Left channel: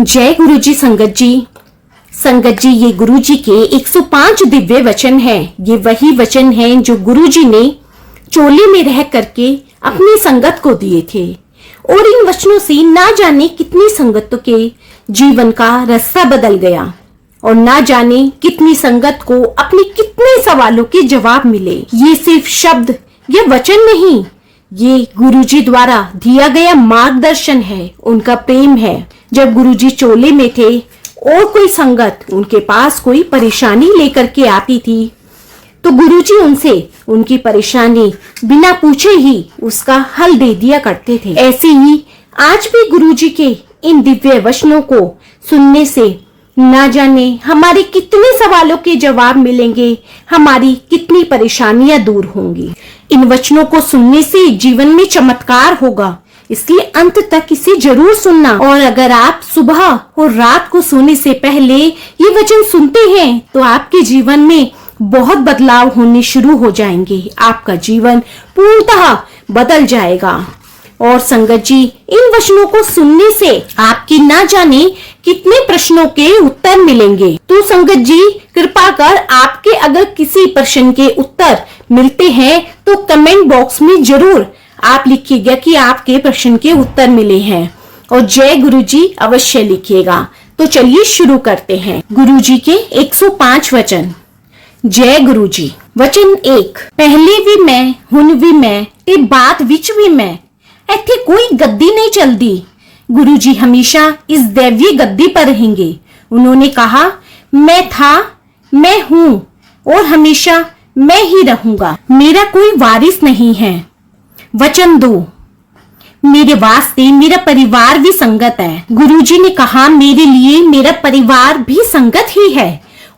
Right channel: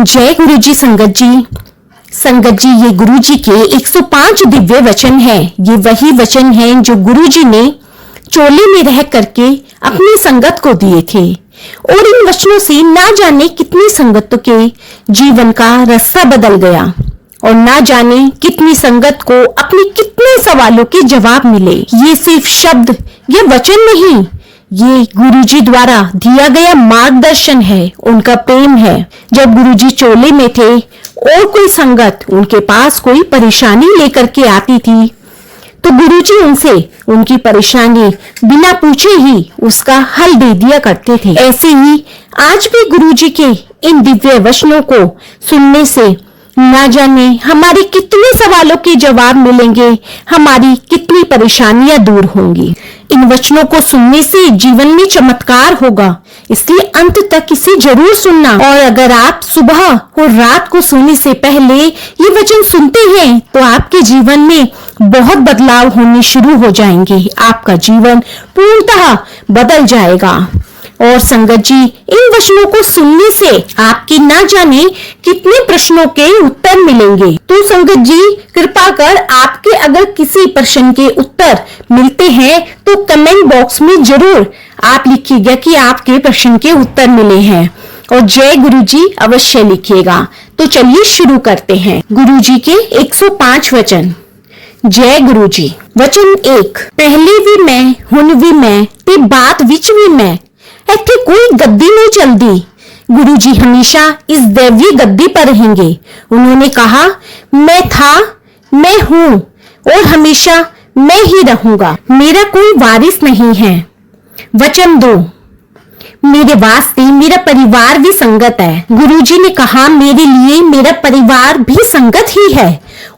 जय गुरु जी। संगत जी ये गुरु जी के 105 दिव्य वचन हैं। ये वही वचन हैं जो गुरु जी ने चोली में रह करके अपनी संगत को दिए थे और इन वचनों से ना जाने कितनी संगत के जीवन का रास्ता बदल गया और ना जाने कितनी संगत को अपने कितने सवालों के जवाब मिले। ये सिर्फ शब्द या वचन नहीं, ये गुरुजी द्वारा दिया गया मार्गदर्शन है, उनका प्रेम है। जब गुरुजी चोले में थे और कोई संगत उनके पास कोई परेशानी लेकर के आती थी तो गुरुजी उनसे उनकी परेशानी बिना पूछे ही उसका हल दे दिया करते थे। ऐसे ही आज भी गुरुजी के इन दिव्य वचनों को सुनने से ना जाने हमारे कितने सवालों के जवाब मिलेंगे, हमारी कितनी परेशानियां दूर होंगी। इन वचनों को सुनने से जीवन में चमत्कार होगा, इसलिए अंत तक इसे जरूर सुनना। और अगर आप सुबह और रात को सोने से पहले ये वचन सुनते हैं तो आपके जीवन में बहुत बदलाव होने शुरू हो जाएंगे, आपका जीवन पूर्णतः बदल जाएगा। और संगत जी इन वचनों को सुनने से आपकी ना जाने कितने प्रश्नों के उत्तर मिलेंगे। तो संगत जी कृपा कर आपके अगर किसी प्रश्न के उत्तर मिलते हैं तो कमेंट बॉक्स में जरूर आप लिखिएगा कि आपके प्रश्न के उत्तर मिले हैं और जय गुरु जी अवश्य लिखिएगा। तो चलिए शुरू करते हैं गुरु जी के 105 वचन। जय गुरु जी। वचन 1। पहले भी मैं, हुन भी मैं, ते बात विच भी मैं, ਇੱਥੇ कोई गद्दी नहीं चलती। गुरुजी हमेशा इस दैवीय गद्दी पर रहेंगे। उन्होंने कहा मैं था, मैं हूं और हमेशा मैं ही रहूंगा, मेरा कोई वारिस नहीं है। वचन 2। मेरे वास्ते मेरा परिवार भी संगत है। गुरुजी ने कहा मेरे लिए मेरा परिवार भी संगत ही है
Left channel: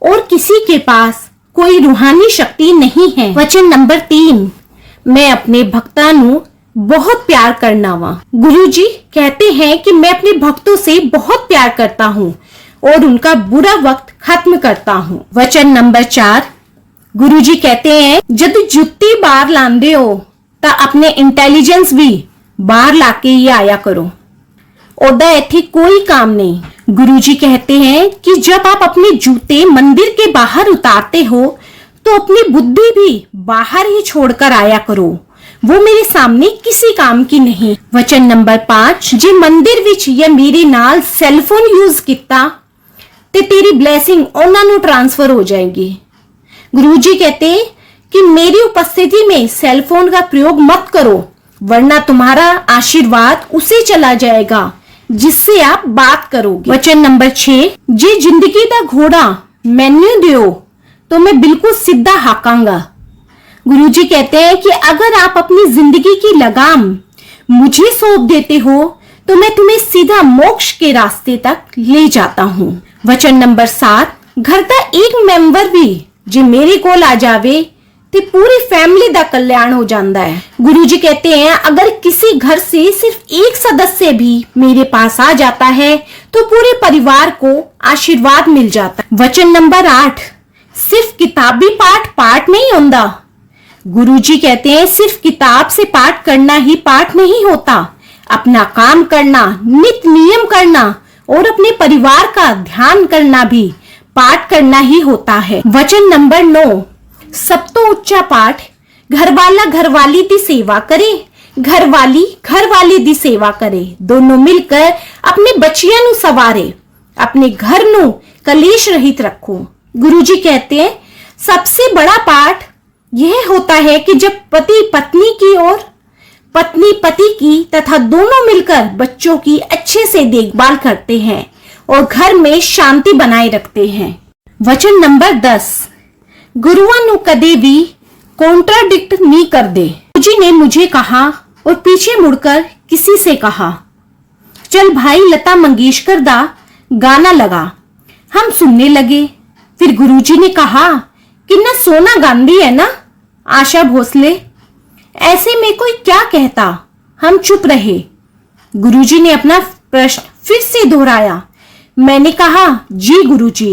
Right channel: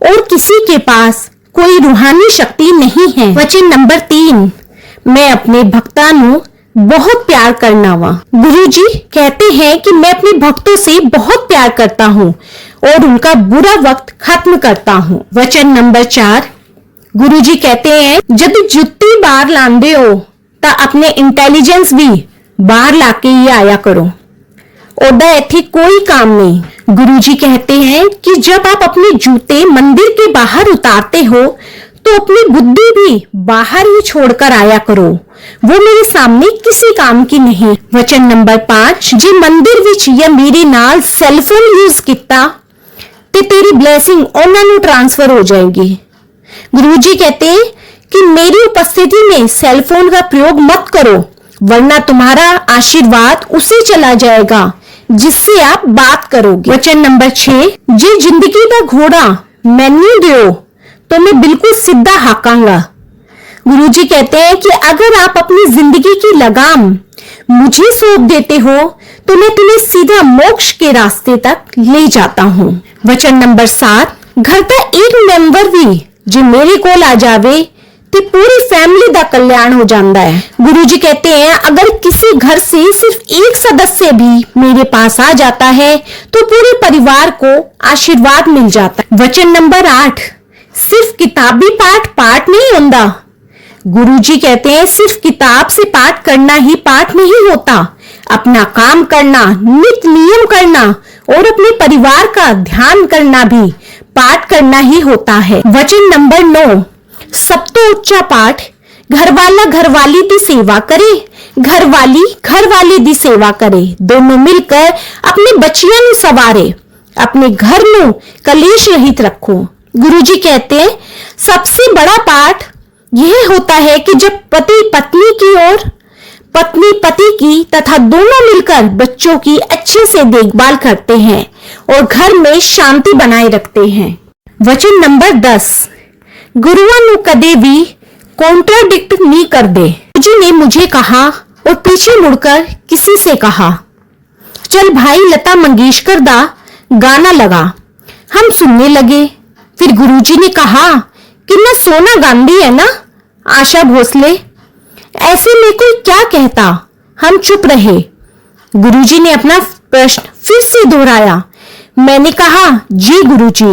और किसी के पास कोई रूहानी शक्ति नहीं है। वचन नंबर 3। मैं अपने भक्तां नूं बहुत प्यार करना वा। गुरुजी कहते हैं कि मैं अपने भक्तों से बहुत प्यार करता हूँ और उनका बुरा वक्त खत्म करता हूँ। वचन नंबर 4। गुरुजी कहते हैं जब जुत्ती बाहर लांदे हो ता अपने इंटेलिजेंस भी बाहर लाके ही आया करो, ओदा इत्थे कोई काम नहीं। गुरुजी कहते हैं कि जब आप अपने जूते मंदिर के बाहर उतारते हो तो अपनी बुद्धि भी बाहर ही छोड़कर आया करो, वो मेरे सामने किसी काम की नहीं। वचन नंबर 5। जे मंदिर विच या मेरे नाल सैलफोन यूज किता ते तेरी ब्लेसिंग उन्हां नूं ट्रांसफर हो जाएगी। गुरुजी कहते कि मेरी उपस्थिति में सेलफोन का प्रयोग मत करो वरना तुम्हारा आशीर्वाद उसे चला जाएगा जिससे आप बात करोगे। वचन नंबर 6। जे जिंदगी दा घोड़ा मैनू दियो तो मैं बिल्कुल सीधा हाकांगा। गुरुजी कहते हैं कि अगर आप अपनी जिंदगी की लगाम मुझे सौंप देते हो तो मैं तुम्हें सीधा मोक्ष के रास्ते तक ले जाता हूँ। वचन नंबर 7। घर का एक मेंबर भी जो मेरे कोल आ जावे तो पूरी फैमिली का कल्याण हो जाता है। गुरुजी कहते हैं अगर किसी घर से सिर्फ एक सदस्य भी मेरे पास आ जाता है तो पूरे परिवार को आशीर्वाद मिल जाता है। वचन नंबर 8। सिर्फ किताबी पाठ नहीं होता। गुरुजी कहते हैं सिर्फ किताब से पाठ करना ही पाठ नहीं होता, अपना काम करना, नित्य नियम करना और अपने परिवार का ध्यान करना भी पाठ करना ही होता है। वचन नंबर 9। सब तो उच्चा पाठ घरवाला घरवाली दी सेवा करे, घरवाली घरवाले दी सेवा करे, दोनों मिलकर अपने बच्चियां नूं सवारे, अपने घर नूं कलेश रहित रखो। गुरुजी कहते हैं सबसे बड़ा पाठ यह होता है कि जब पति पत्नी की और पत्नी पति की तथा दोनों मिलकर बच्चों की अच्छे से देखभाल करते हैं और घर में शांति बनाए रखते हैं। वचन नंबर 10। गुरुओं नु कदे भी कॉन्ट्राडिक्ट नहीं कर दे। गुरुजी ने मुझे कहा और पीछे मुड़कर किसी से कहा चल भाई लता मंगेशकर दा गाना लगा। हम सुनने लगे। फिर गुरुजी ने कहा कितना सोना गांधी है ना आशा भोसले, ऐसे में कोई क्या कहता। हम चुप रहे। गुरुजी ने अपना प्रश्न फिर से दोहराया। मैंने कहा जी गुरुजी,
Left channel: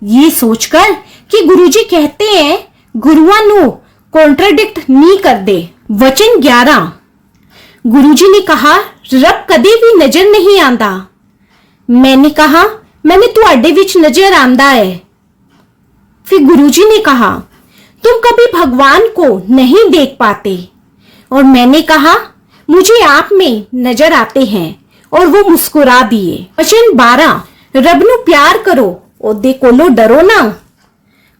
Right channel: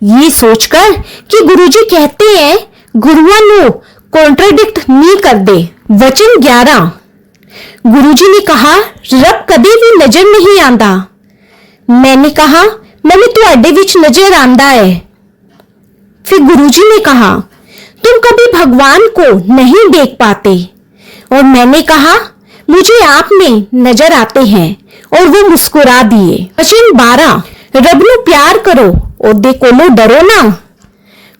ये सोचकर कि गुरुजी कहते हैं गुरुआ नो कॉन्ट्राडिक्ट नहीं कर दे। वचन 11। गुरुजी ने कहा रब कदे भी नजर नहीं आंदा, मैंने कहा, मैंने ਤੁਹਾਡੇ ਵਿੱਚ नजर आंदा है। फिर गुरुजी ने कहा, तुम कभी भगवान को नहीं देख पाते। और मैंने कहा, मुझे आप में नजर आते हैं। और वो मुस्कुरा दिए। वचन 12, रब ਨੂੰ प्यार करो, ਉਹਦੇ ਕੋਲੋਂ डरो ना।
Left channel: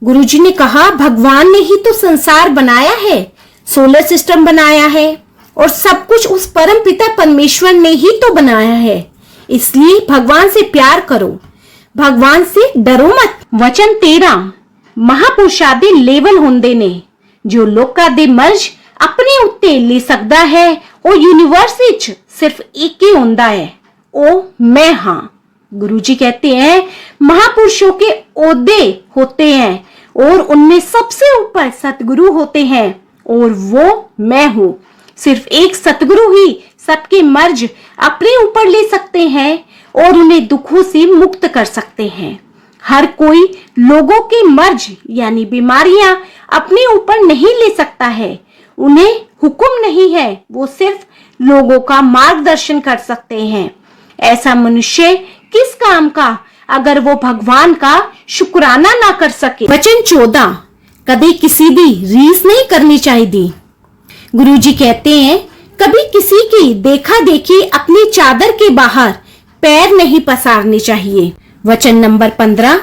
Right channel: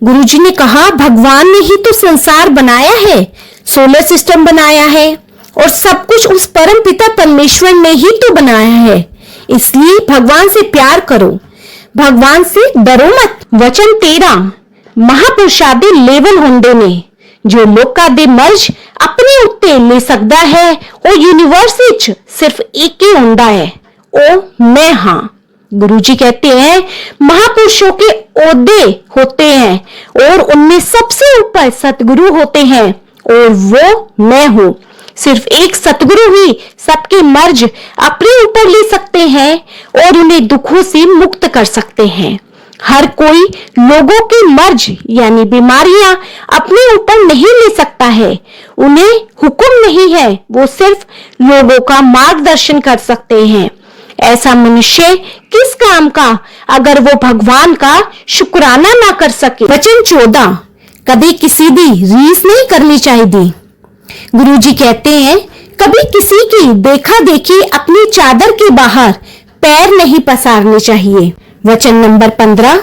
गुरुजी ने कहा, भगवान ने ही तो संसार बनाया है, सोलर सिस्टम बनाया है और सब कुछ उस परम पिता परमेश्वर ने ही तो बनाया है। इसलिए भगवान से प्यार करो, भगवान से डरो मत। वचन 13, महापुरुषां ਦੇ ਲੈਵਲ ਹੁੰਦੇ ਨੇ। ਜੋ ਲੋਕਾਂ ਦੇ ਮਰਜ਼ ਆਪਣੇ ਉੱਤੇ ਲੈ ਸਕਦਾ ਹੈ, ਉਹ यूनिवर्स ਵਿੱਚ सिर्फ एक ही ਹੁੰਦਾ है, वो मैं हाँ। गुरुजी कहते हैं, महापुरुषों के ओहदे होते हैं और उनमें सबसे ऊपर सतगुरु होते हैं और वो मैं हूँ। सिर्फ एक सतगुरु ही सबके मर्ज अपने ऊपर ले सकते हैं और उन्हें दुखों से मुक्त कर सकते हैं। हर कोई लोगों के मर्ज यानी बीमारियां अपने ऊपर नहीं ले सकता है, उन्हें हुक्म नहीं है, वो सिर्फ लोगों का मार्गदर्शन कर सकते हैं। ऐसा मनुष्य किस काम का अगर वो भगवान का शुक्राना ना कर सके। वचन 14, कभी किसी दी रीस नहीं करनी चाहिए। गुरुजी कहते हैं, कभी किसी की देखा देखी अपनी चादर के बाहर पैर नहीं पसारने चाहिए। वचन नंबर 15,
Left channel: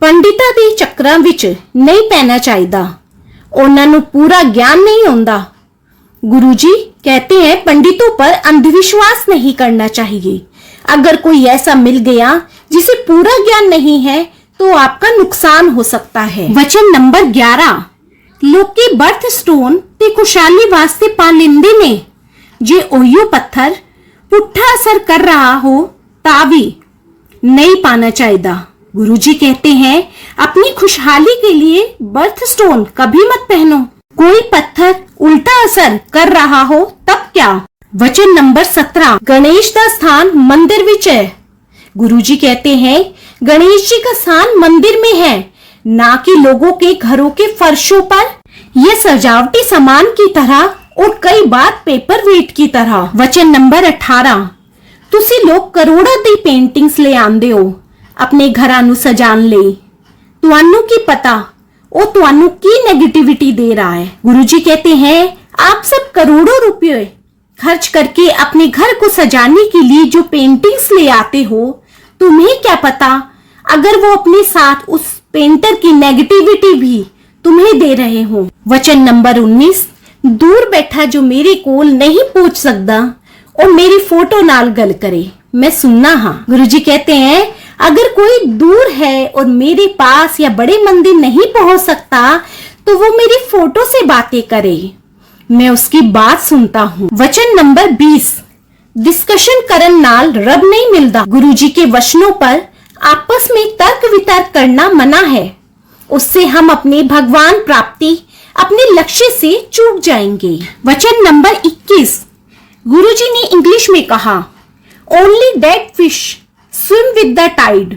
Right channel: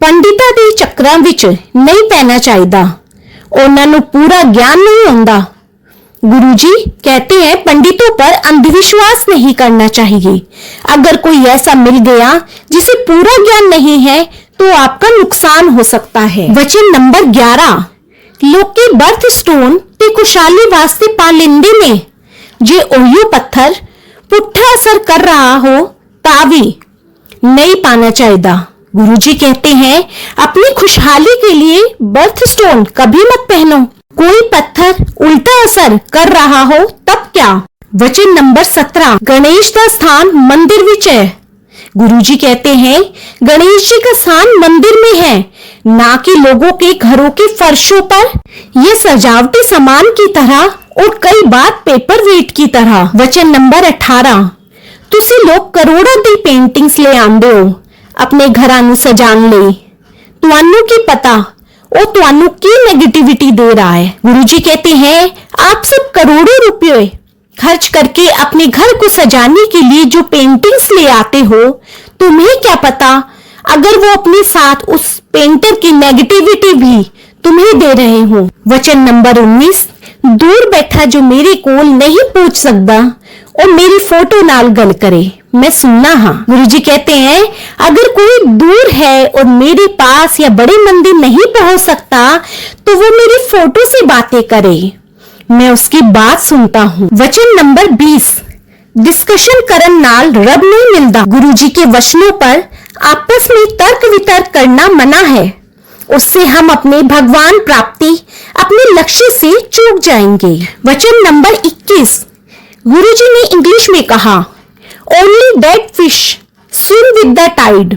पंडितां दे चक्रां विच नहीं पैना चाहिए, उन्हां नूं पूरा ज्ञान नहीं हुंदा। गुरुजी कहते हैं, पंडितों पर अंधविश्वास नहीं करना चाहिए। अगर कोई ऐसा मिल गया जिसे पूरा ज्ञान नहीं है तो आपका नुकसान हो सकता है। वचन नंबर 11, लोके बर्थ स्टोन ते खुशहाली वास्ते पा लेंदे ने, जे ओहियो पत्थर पुट्ठा असर कर रहा हो ता भी नहीं पाना चाहिए। गुरुजी कहते हैं, अपनी खुशहाली के लिए बर्थ स्टोन कभी मत पहनो। कोई पत्थर उल्टा असर कर रहा हो तब क्या। वचन नंबर 17, गणेश का स्थान मंदिर विच है। गुरुजी कहते हैं, गणेश जी का स्थान मंदिर में है, ना कि लोगों के घरों के फर्शों पर। यह सजावटी सामान की तरह और कई बार पेपर वेट की तरह। वचन नंबर 18, तुसी लोग करोड़ों दी पेंटिंग्स ले आंदे हो अपने घरां नूं सजाण लई, तुहानू की पता वो तुहानू की नेगेटिविटी दे रहा है। गुरुजी कहते हैं, आप सब करोड़ों रुपए खर्च करके अपने घर को सजाने के लिए जो पेंटिंग्स ले आते हो, तुम्हें क्या पता अगर वो अपने साथ उस पेंटर की नेगेटिविटी भी तुम्हें दे रहे हो। वचन नंबर 19, दूर बैठा जो मेरे कोल नहीं पूछ सकता और मेरी फोटो नाल गल करे, मैं सुनना हाँ। गुरुजी कहते हैं, अगर कोई दूर है और मेरे पास या बड़े मंदिर नहीं पहुंच सकता तो वो मेरी फोटो से बातें करे, मैं उसकी बात सुनता हूँ। वचन नंबर 20, डिस्कशन करन नाल रब नहीं मिलता। गुरुजी के वचनों पर आपस में तर्क वितर्क करना मना है, उससे हम अपने भगवान प्राप्ति अपने लक्ष्य से चूक जाएंगे। वचन नंबर 21, गुरुजी ने इंग्लिश में कहा, only dead fish swim with the tide.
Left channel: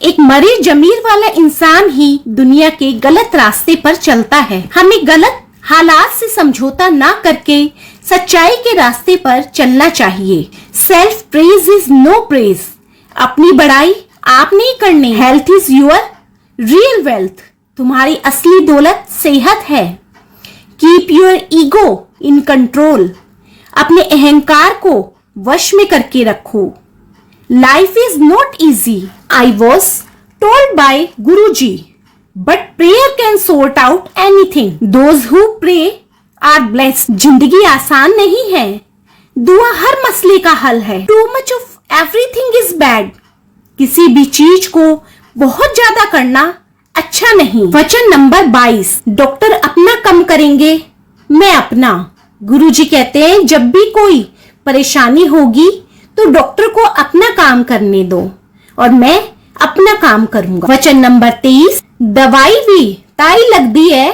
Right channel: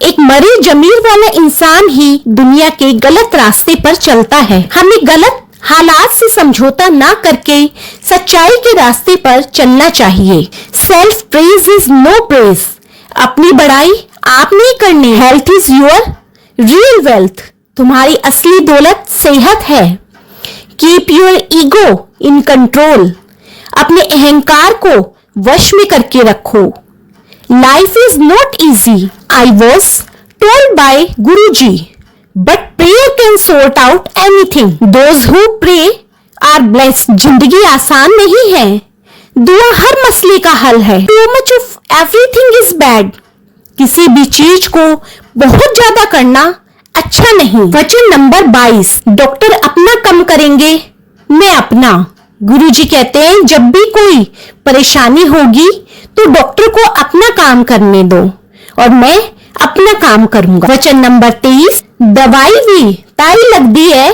एक मरे जमीर वाला इंसान ही दुनिया के गलत रास्ते पर चलता है। हमें गलत हालात से समझौता ना करके सच्चाई के रास्ते पर चलना चाहिए। Self praise is no praise. अपनी बड़ाई आप नहीं करनी। Health is your real wealth. तुम्हारी असली दौलत सेहत है। Keep your ego in control. अपने अहंकार को वश में करके रखो। Life is not easy. I was told by Guruji, but prayer can sort out anything. Those who pray are blessed. जिंदगी आसान नहीं है, दुआ हर मसले का हल है। Too much of everything is bad. किसी भी चीज को बहुत ज्यादा करना अच्छा नहीं। वचन नंबर 22, डॉक्टर अपना काम करेंगे, मैं अपना। गुरुजी कहते हैं, जब भी कोई परेशानी होगी तो डॉक्टर को अपना काम करने दो और मैं अपना काम करूंगा। वचन नंबर 23, दवाई भी ताई लगती है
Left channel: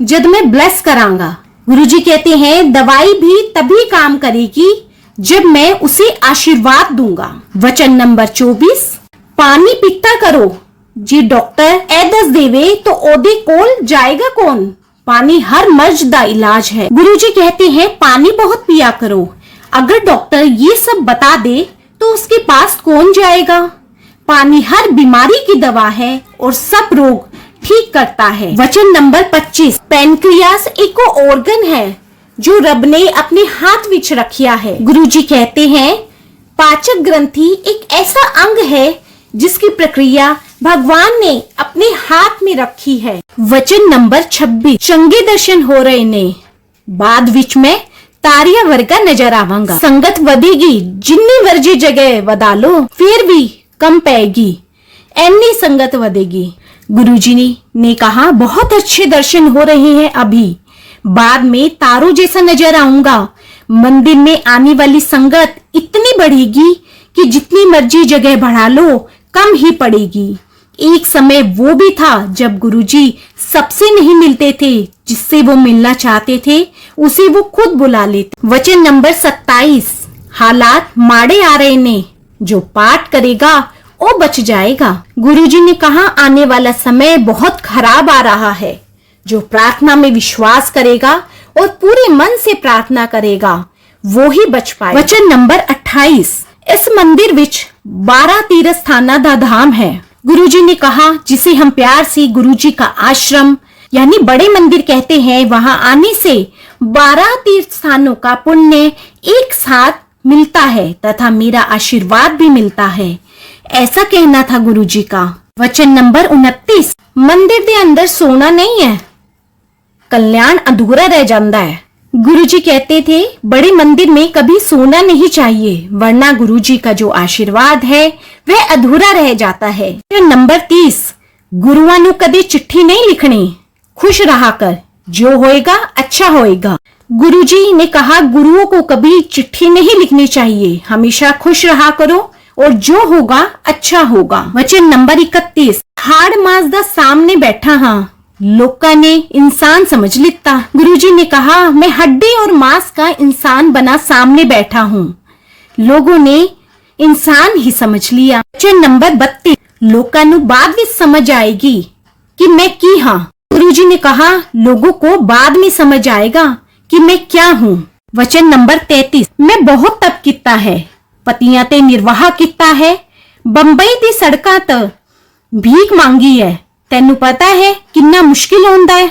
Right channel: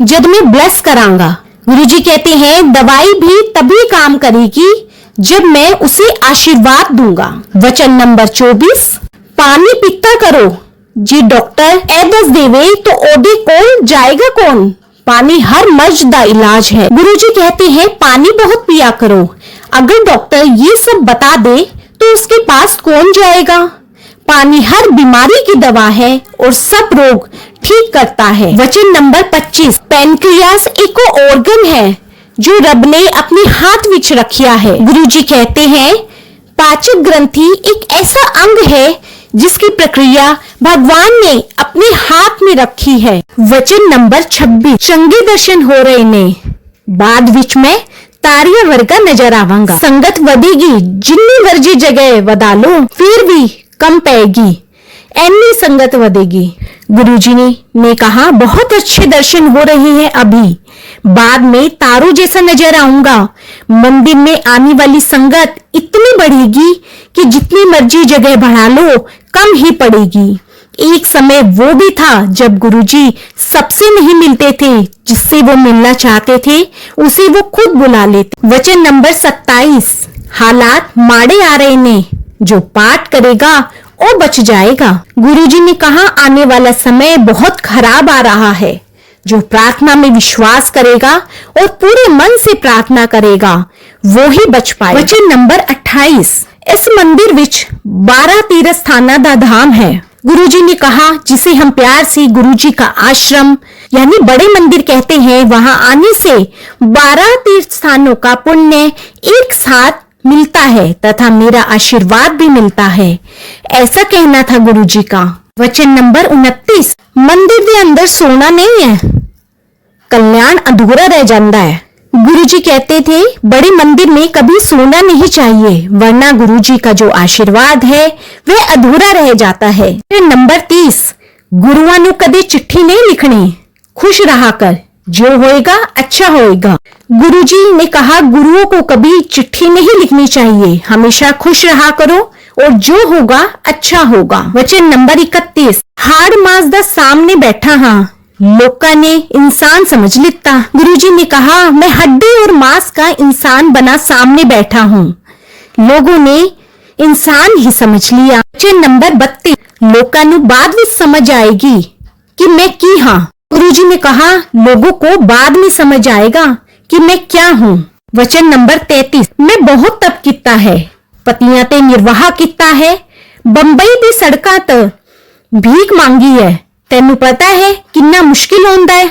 जब मैं ब्लेस करांगा। गुरुजी कहते हैं, दवाई भी तभी काम करेगी जब मैं उसे आशीर्वाद दूंगा। वचन नंबर 24, पानी पीता करो। जी डॉक्टर ए दस देवे तो ओदे कोल जाएगा कौन। पानी हर मर्ज दा इलाज है। गुरुजी कहते हैं, पानी बहुत पिया करो। अगर डॉक्टर ये सब बता दे तो उसके पास कौन जाएगा। पानी हर बीमारी की दवा है और सब रोग ठीक करता है। वचन नंबर 25, पैनक्रियास एक ऑर्गन है जो रब ने अपने हाथ विच रखिया है। गुरुजी कहते हैं पाचक ग्रंथि एक ऐसा अंग है जिसकी प्रक्रिया भगवान ने अपने हाथ में रखी है। वचन नंबर 26, चंगे दर्शन हो रहे ने बाद विच में तारिया वर्गा नजर आवांगा। संगत वधेगी जिन्नी मर्जी जगह वधा लो फिर भी कम पैगी, ऐनी संगत वधेगी। गुरुजी ने कहा बहुत अच्छे दर्शन हो रहे हैं अभी, बाद में तारों जैसा नजर आऊंगा। मंदिर में आने वाली संगत इतनी बढ़ेगी कि जितनी मर्जी जगह बढ़ा लो कम ही पड़ेगी। एक समय वो भी था जब गुरुजी सबसे नहीं मिलते थे, जिससे वो मिलना चाहते थे उसे वो खुद बुला लेते। वचन नंबर 27, हालात माड़े आ रहे ने, जो पाठ करेगा वो बच जाएगा। गुरुजी ने कहा आने वाला समय बहुत खराब आ रहा है। जो प्रार्थना में विश्वास करेगा और पूरे मन से प्रार्थना करेगा वो ही बच पाए। वचन नंबर 28, इस मंदिर विच 12 तीर्थ स्थाना दा धाम है। गुरुजी ने कहा जिसे हम प्यार से गुरुजी का आश्रम यानी बड़े मंदिर कहते हैं, वहां आने से 12 तीर्थ स्थानों का पुण्य एक साथ मिलता है तथा मेरा आशीर्वाद भी मिलता है, ऐसा कहना था गुरुजी का। वचन नंबर 29, मंदिर के अंदर सोना नहीं है, कल्याण अधूरा रह जाता है। गुरुजी कहते थे बड़े मंदिर में कभी सोना नहीं चाहिए, वरना गुरुजी का जो आशीर्वाद है वह अधूरा रह जाता है। नंबर 30, गुरुआं नू कदे चिट्ठी नहीं लिखनी, खुश रहा कर, जो होएगा अच्छा होएगा। गुरुजी ने कहा गुरुओं को कभी चिट्ठी नहीं लिखनी चाहिए, हमेशा खुश रहा करो और जो होगा अच्छा होगा। वचन नंबर 31, हाड़ मास दा सामने बैठा हाँ, लोका ने इंसान समझ लिता। गुरुजी ने कहा मैं हड्डी और मांस का इंसान बना सामने बैठा हूँ, लोगों ने इंसान ही समझ लिया। वचन नंबर 32, लोका ने बाद में समझ आएगी कि मैं की हाँ। गुरुजी ने कहा लोगों को बाद में समझ आएगा कि मैं क्या हूँ। वचन नंबर 33, मैं बहुत तप किता है, पतियां ते निर्वाह किता है, बंबई दी सड़कां ते भीख मांगी है, तेनू पता है कितना मुश्किल होता है।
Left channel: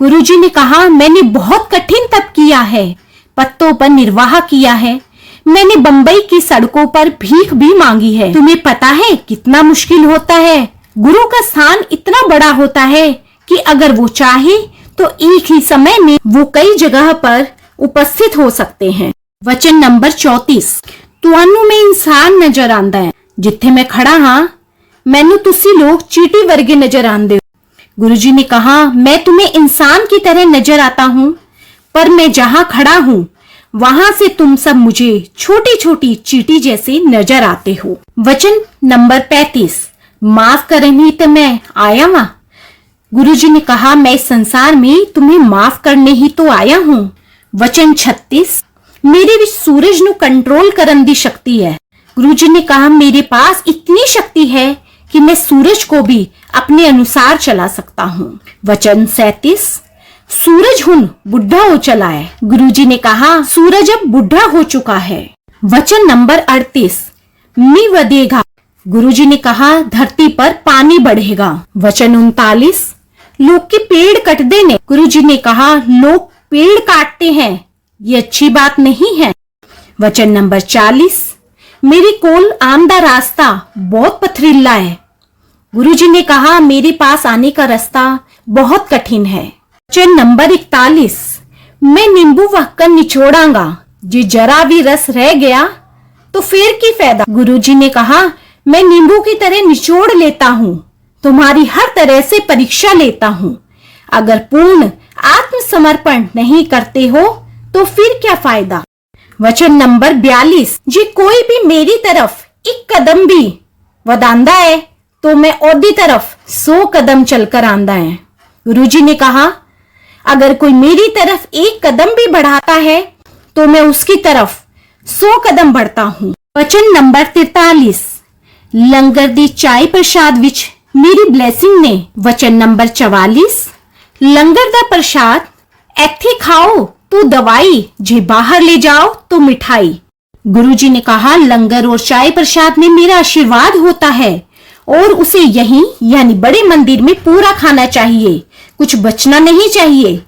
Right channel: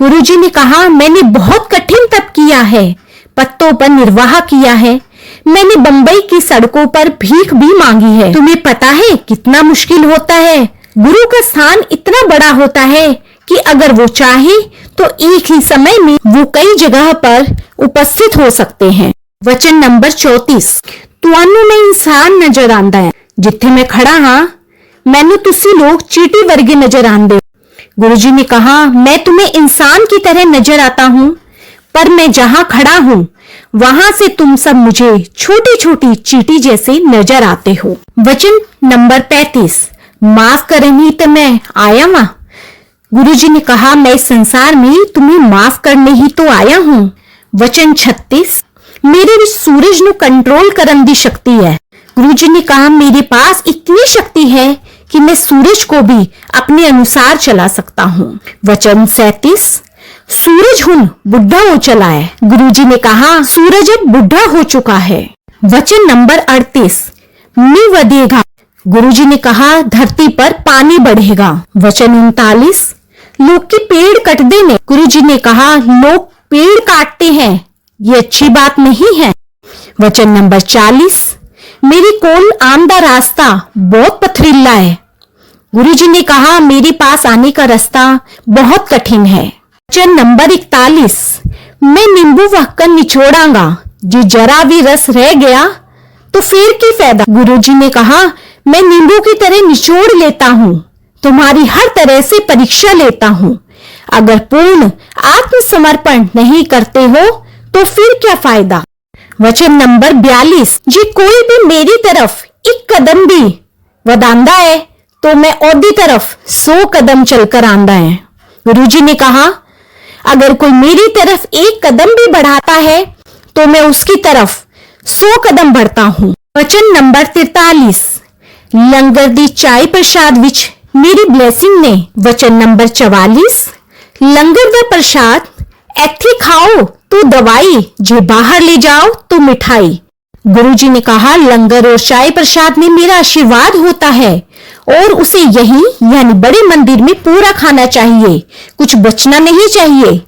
गुरुजी ने कहा मैंने बहुत कठिन तप किया है, पत्तों पर निर्वाह किया है, मैंने बंबई की सड़कों पर भीख भी मांगी है, तुम्हें पता है कितना मुश्किल होता है। गुरु का स्थान इतना बड़ा होता है कि अगर वो चाहे तो एक ही समय में वो कई जगह पर उपस्थित हो सकते हैं। वचन नंबर 34, तुहानू मैं इंसान नजर आंदा है, जिथे मैं खड़ा हाँ मैनू तुसी लोग चीटी वर्गे नजर आंदे। गुरुजी ने कहा मैं तुम्हें इंसान की तरह नजर आता हूँ, पर मैं जहाँ खड़ा हूँ वहां से तुम सब मुझे छोटी छोटी चीटी जैसे नजर आते हो। वचन नंबर 35, माफ करनी तो मैं आया वहां। गुरुजी ने कहा मैं इस संसार में तुम्हें माफ करने ही तो आया हूँ। वचन 36, मेरे विच सूरज नु कंट्रोल करन दी शक्ति है। गुरुजी ने कहा मेरे पास इतनी शक्ति है कि मैं सूरज को भी अपने अनुसार चला सकता हूँ। वचन 37, सूरज हुन बुढ़ा हो चला है। गुरुजी ने कहा सूरज अब बुढ़ा हो चुका है। वचन नंबर 38, मी वधेगा। गुरुजी ने कहा धरती पर पानी बढ़ेगा। वचन 39, लोग के पेड़ कटते ने। गुरुजी ने कहा लोग पेड़ काटते हैं, ये अच्छी बात नहीं है। वचन नंबर 40, मेरे कोल आम दा रास्ता बहुत पथरीला है। गुरुजी ने कहा मेरे पास आने का रास्ता बहुत कठिन है। वचन नंबर 41, मैं नींबू वहकर निचोड़ांगा, जो जरा भी रस रह गया तो फिर की फायदा। गुरुजी ने कहा मैं नींबू की तरह निचोड़ लेता हूँ, तुम्हारी हर तरह से परीक्षा लेता हूँ। अगर पूर्ण आत्मसमर्पण नहीं करते हो तो फिर क्या फायदा। वचन नंबर 42, जी कोई भी मेरी तरफ एक कदम भी वधांदा है तो मैं ओदी तरफ 100 कदम चलकर आंदा है। गुरुजी ने कहा अगर कोई मेरी तरफ एक कदम भी बढ़ाता है तो मैं उसकी तरफ 100 कदम बढ़ता हूँ। वचन नंबर 43, लंगर दी चाय प्रसाद विच मेरी ब्लेसिंग ने। वचन नंबर 44, लंगर दा प्रसाद एथे खाओ तो दवाई, जे बाहर ले जाओ तो मिठाई। गुरुजी ने कहा लंगर और चाय प्रसाद में मेरा आशीर्वाद होता है, और उसे यही यानी बड़े मंदिर में पूरा खाना चाहिए, कुछ बचना नहीं चाहिए।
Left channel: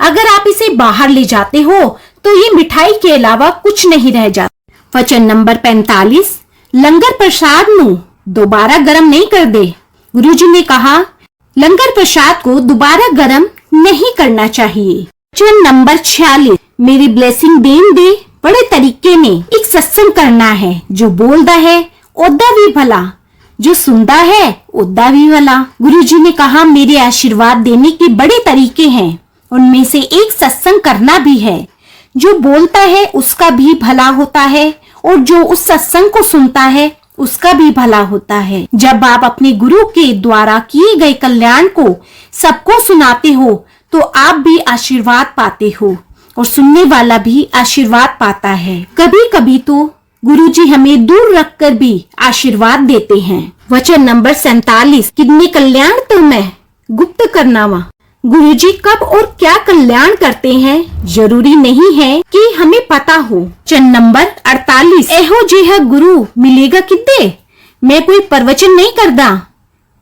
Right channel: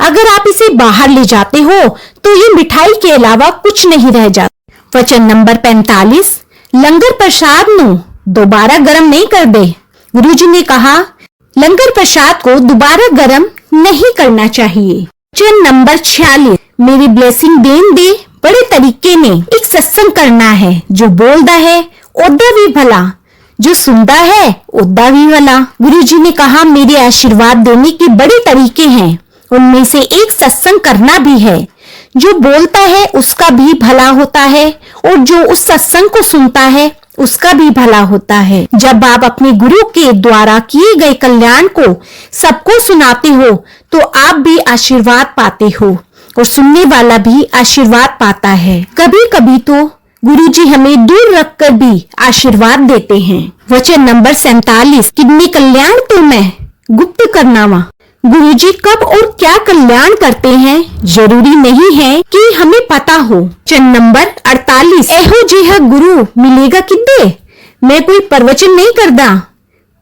अगर आप इसे बाहर ले जाते हो तो ये मिठाई के अलावा कुछ नहीं रह जाता। वचन नंबर 45, लंगर प्रसाद नु दोबारा गर्म नहीं कर दे। गुरुजी ने कहा लंगर प्रसाद को दोबारा गर्म नहीं करना चाहिए। वचन नंबर 46, मेरी ब्लेसिंग देन दे बड़े तरीके में एक सत्संग करना है। जो बोलता है ओदा भी भला, जो सुनता है ओदा भी भला। गुरुजी ने कहा मेरे आशीर्वाद देने के बड़े तरीके हैं, उनमें से एक सत्संग करना भी है। जो बोलता है उसका भी भला होता है और जो उस सत्संग को सुनता है उसका भी भला होता है। जब आप अपने गुरु के द्वारा किए गए कल्याण को सबको सुनाते हो तो आप भी आशीर्वाद पाते हो और सुनने वाला भी आशीर्वाद पाता है। कभी कभी तो गुरुजी हमें दूर रखकर भी आशीर्वाद देते हैं। वचन नंबर 47, कितने कल्याण तो मैं गुप्त करनावा। गुरुजी कब और क्या कल्याण करते हैं जरूरी नहीं है कि हमें पता हो। वचन नंबर 48, एहो जिहा गुरु मिलेगा किद्दे। मैं कोई प्रवचन नहीं करता,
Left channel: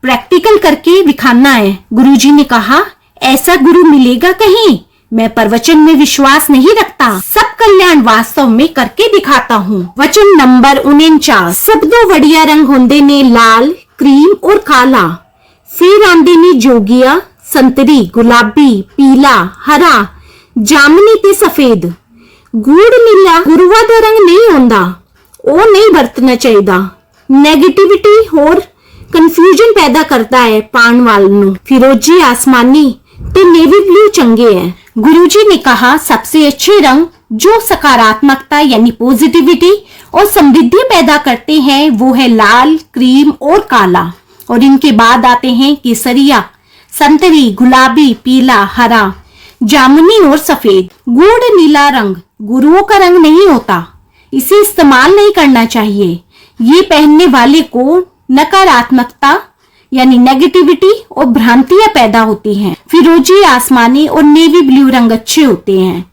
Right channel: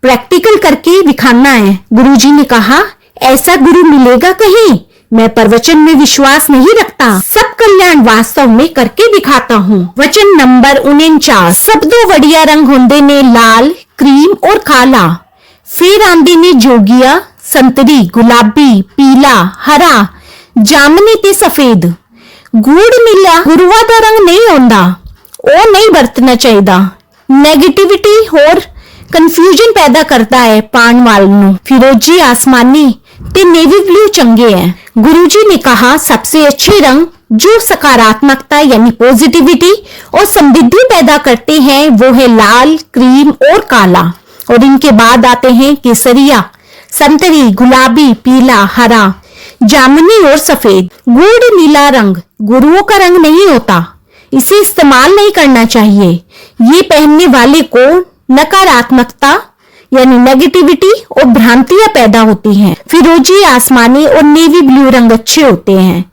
प्रैक्टिकल करके दिखाना है। गुरुजी ने कहा ऐसा गुरु मिलेगा कहीं, मैं प्रवचन में विश्वास नहीं रखता, सब कल्याण वास्तव में करके दिखाता हूँ। वचन नंबर 49, सब दो वड़िया रंग होंदे ने लाल, क्रीम और काला, फिर आंदे ने जोगिया संतरी, गुलाबी, पीला, हरा, जामनी ते सफेद। गुड़ नीला गुरुआ का रंग नहीं होंदा, वो नहीं बरतना चाहिए। नेगेटिविटी और कंफ्यूजन पैदा करता है पान वाल नू। फिरोजी, आसमानी ते नेवी ब्लू चंगे हैं। गुरुजी ने कहा सबसे अच्छे रंग जो सकारात्मकता यानी पॉजिटिविटी और समृद्धि पैदा करते हैं वो है लाल, क्रीम और काला, और इनके बाद आते हैं केसरिया, संतरी, गुलाबी, पीला, हरा, जामुनी और सफेद। गुड़ नीला रंग गुरुओं का रंग नहीं होता, इसे इस्तेमाल नहीं करना चाहिए। ये पहनने वाले को नकारात्मकता यानी नेगेटिविटी और भ्रांतियां पैदा होती हैं। फिरोजी, आसमानी और नेवी ब्लू रंग अच्छे होते हैं,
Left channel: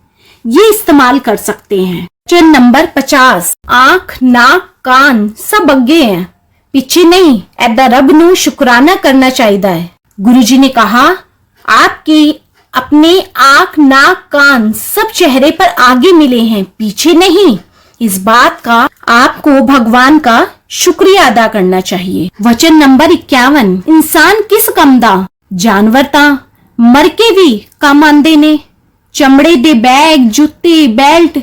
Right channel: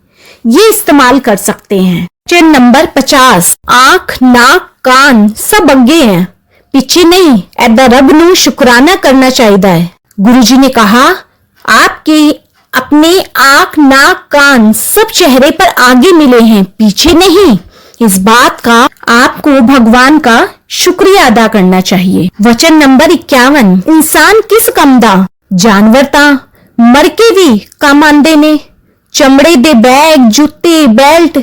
ये इस्तेमाल कर सकते हैं। वचन नंबर 50, आंख, नाक, कान सब अगे हैं, पीछे नहीं। ऐदा रब नू शुक्राना करना चाहिए। गुरुजी ने कहा आपके अपने आंख, नाक, कान सब चेहरे पर आगे मिले हैं, पीछे नहीं। इस बात का आपको भगवान का शुक्रिया अदा करना चाहिए। वचन नंबर 51, इंसान किस कम दा, जानवर ता मर के भी कम आंदे ने। चमड़े दे बैग, जूते, बेल्ट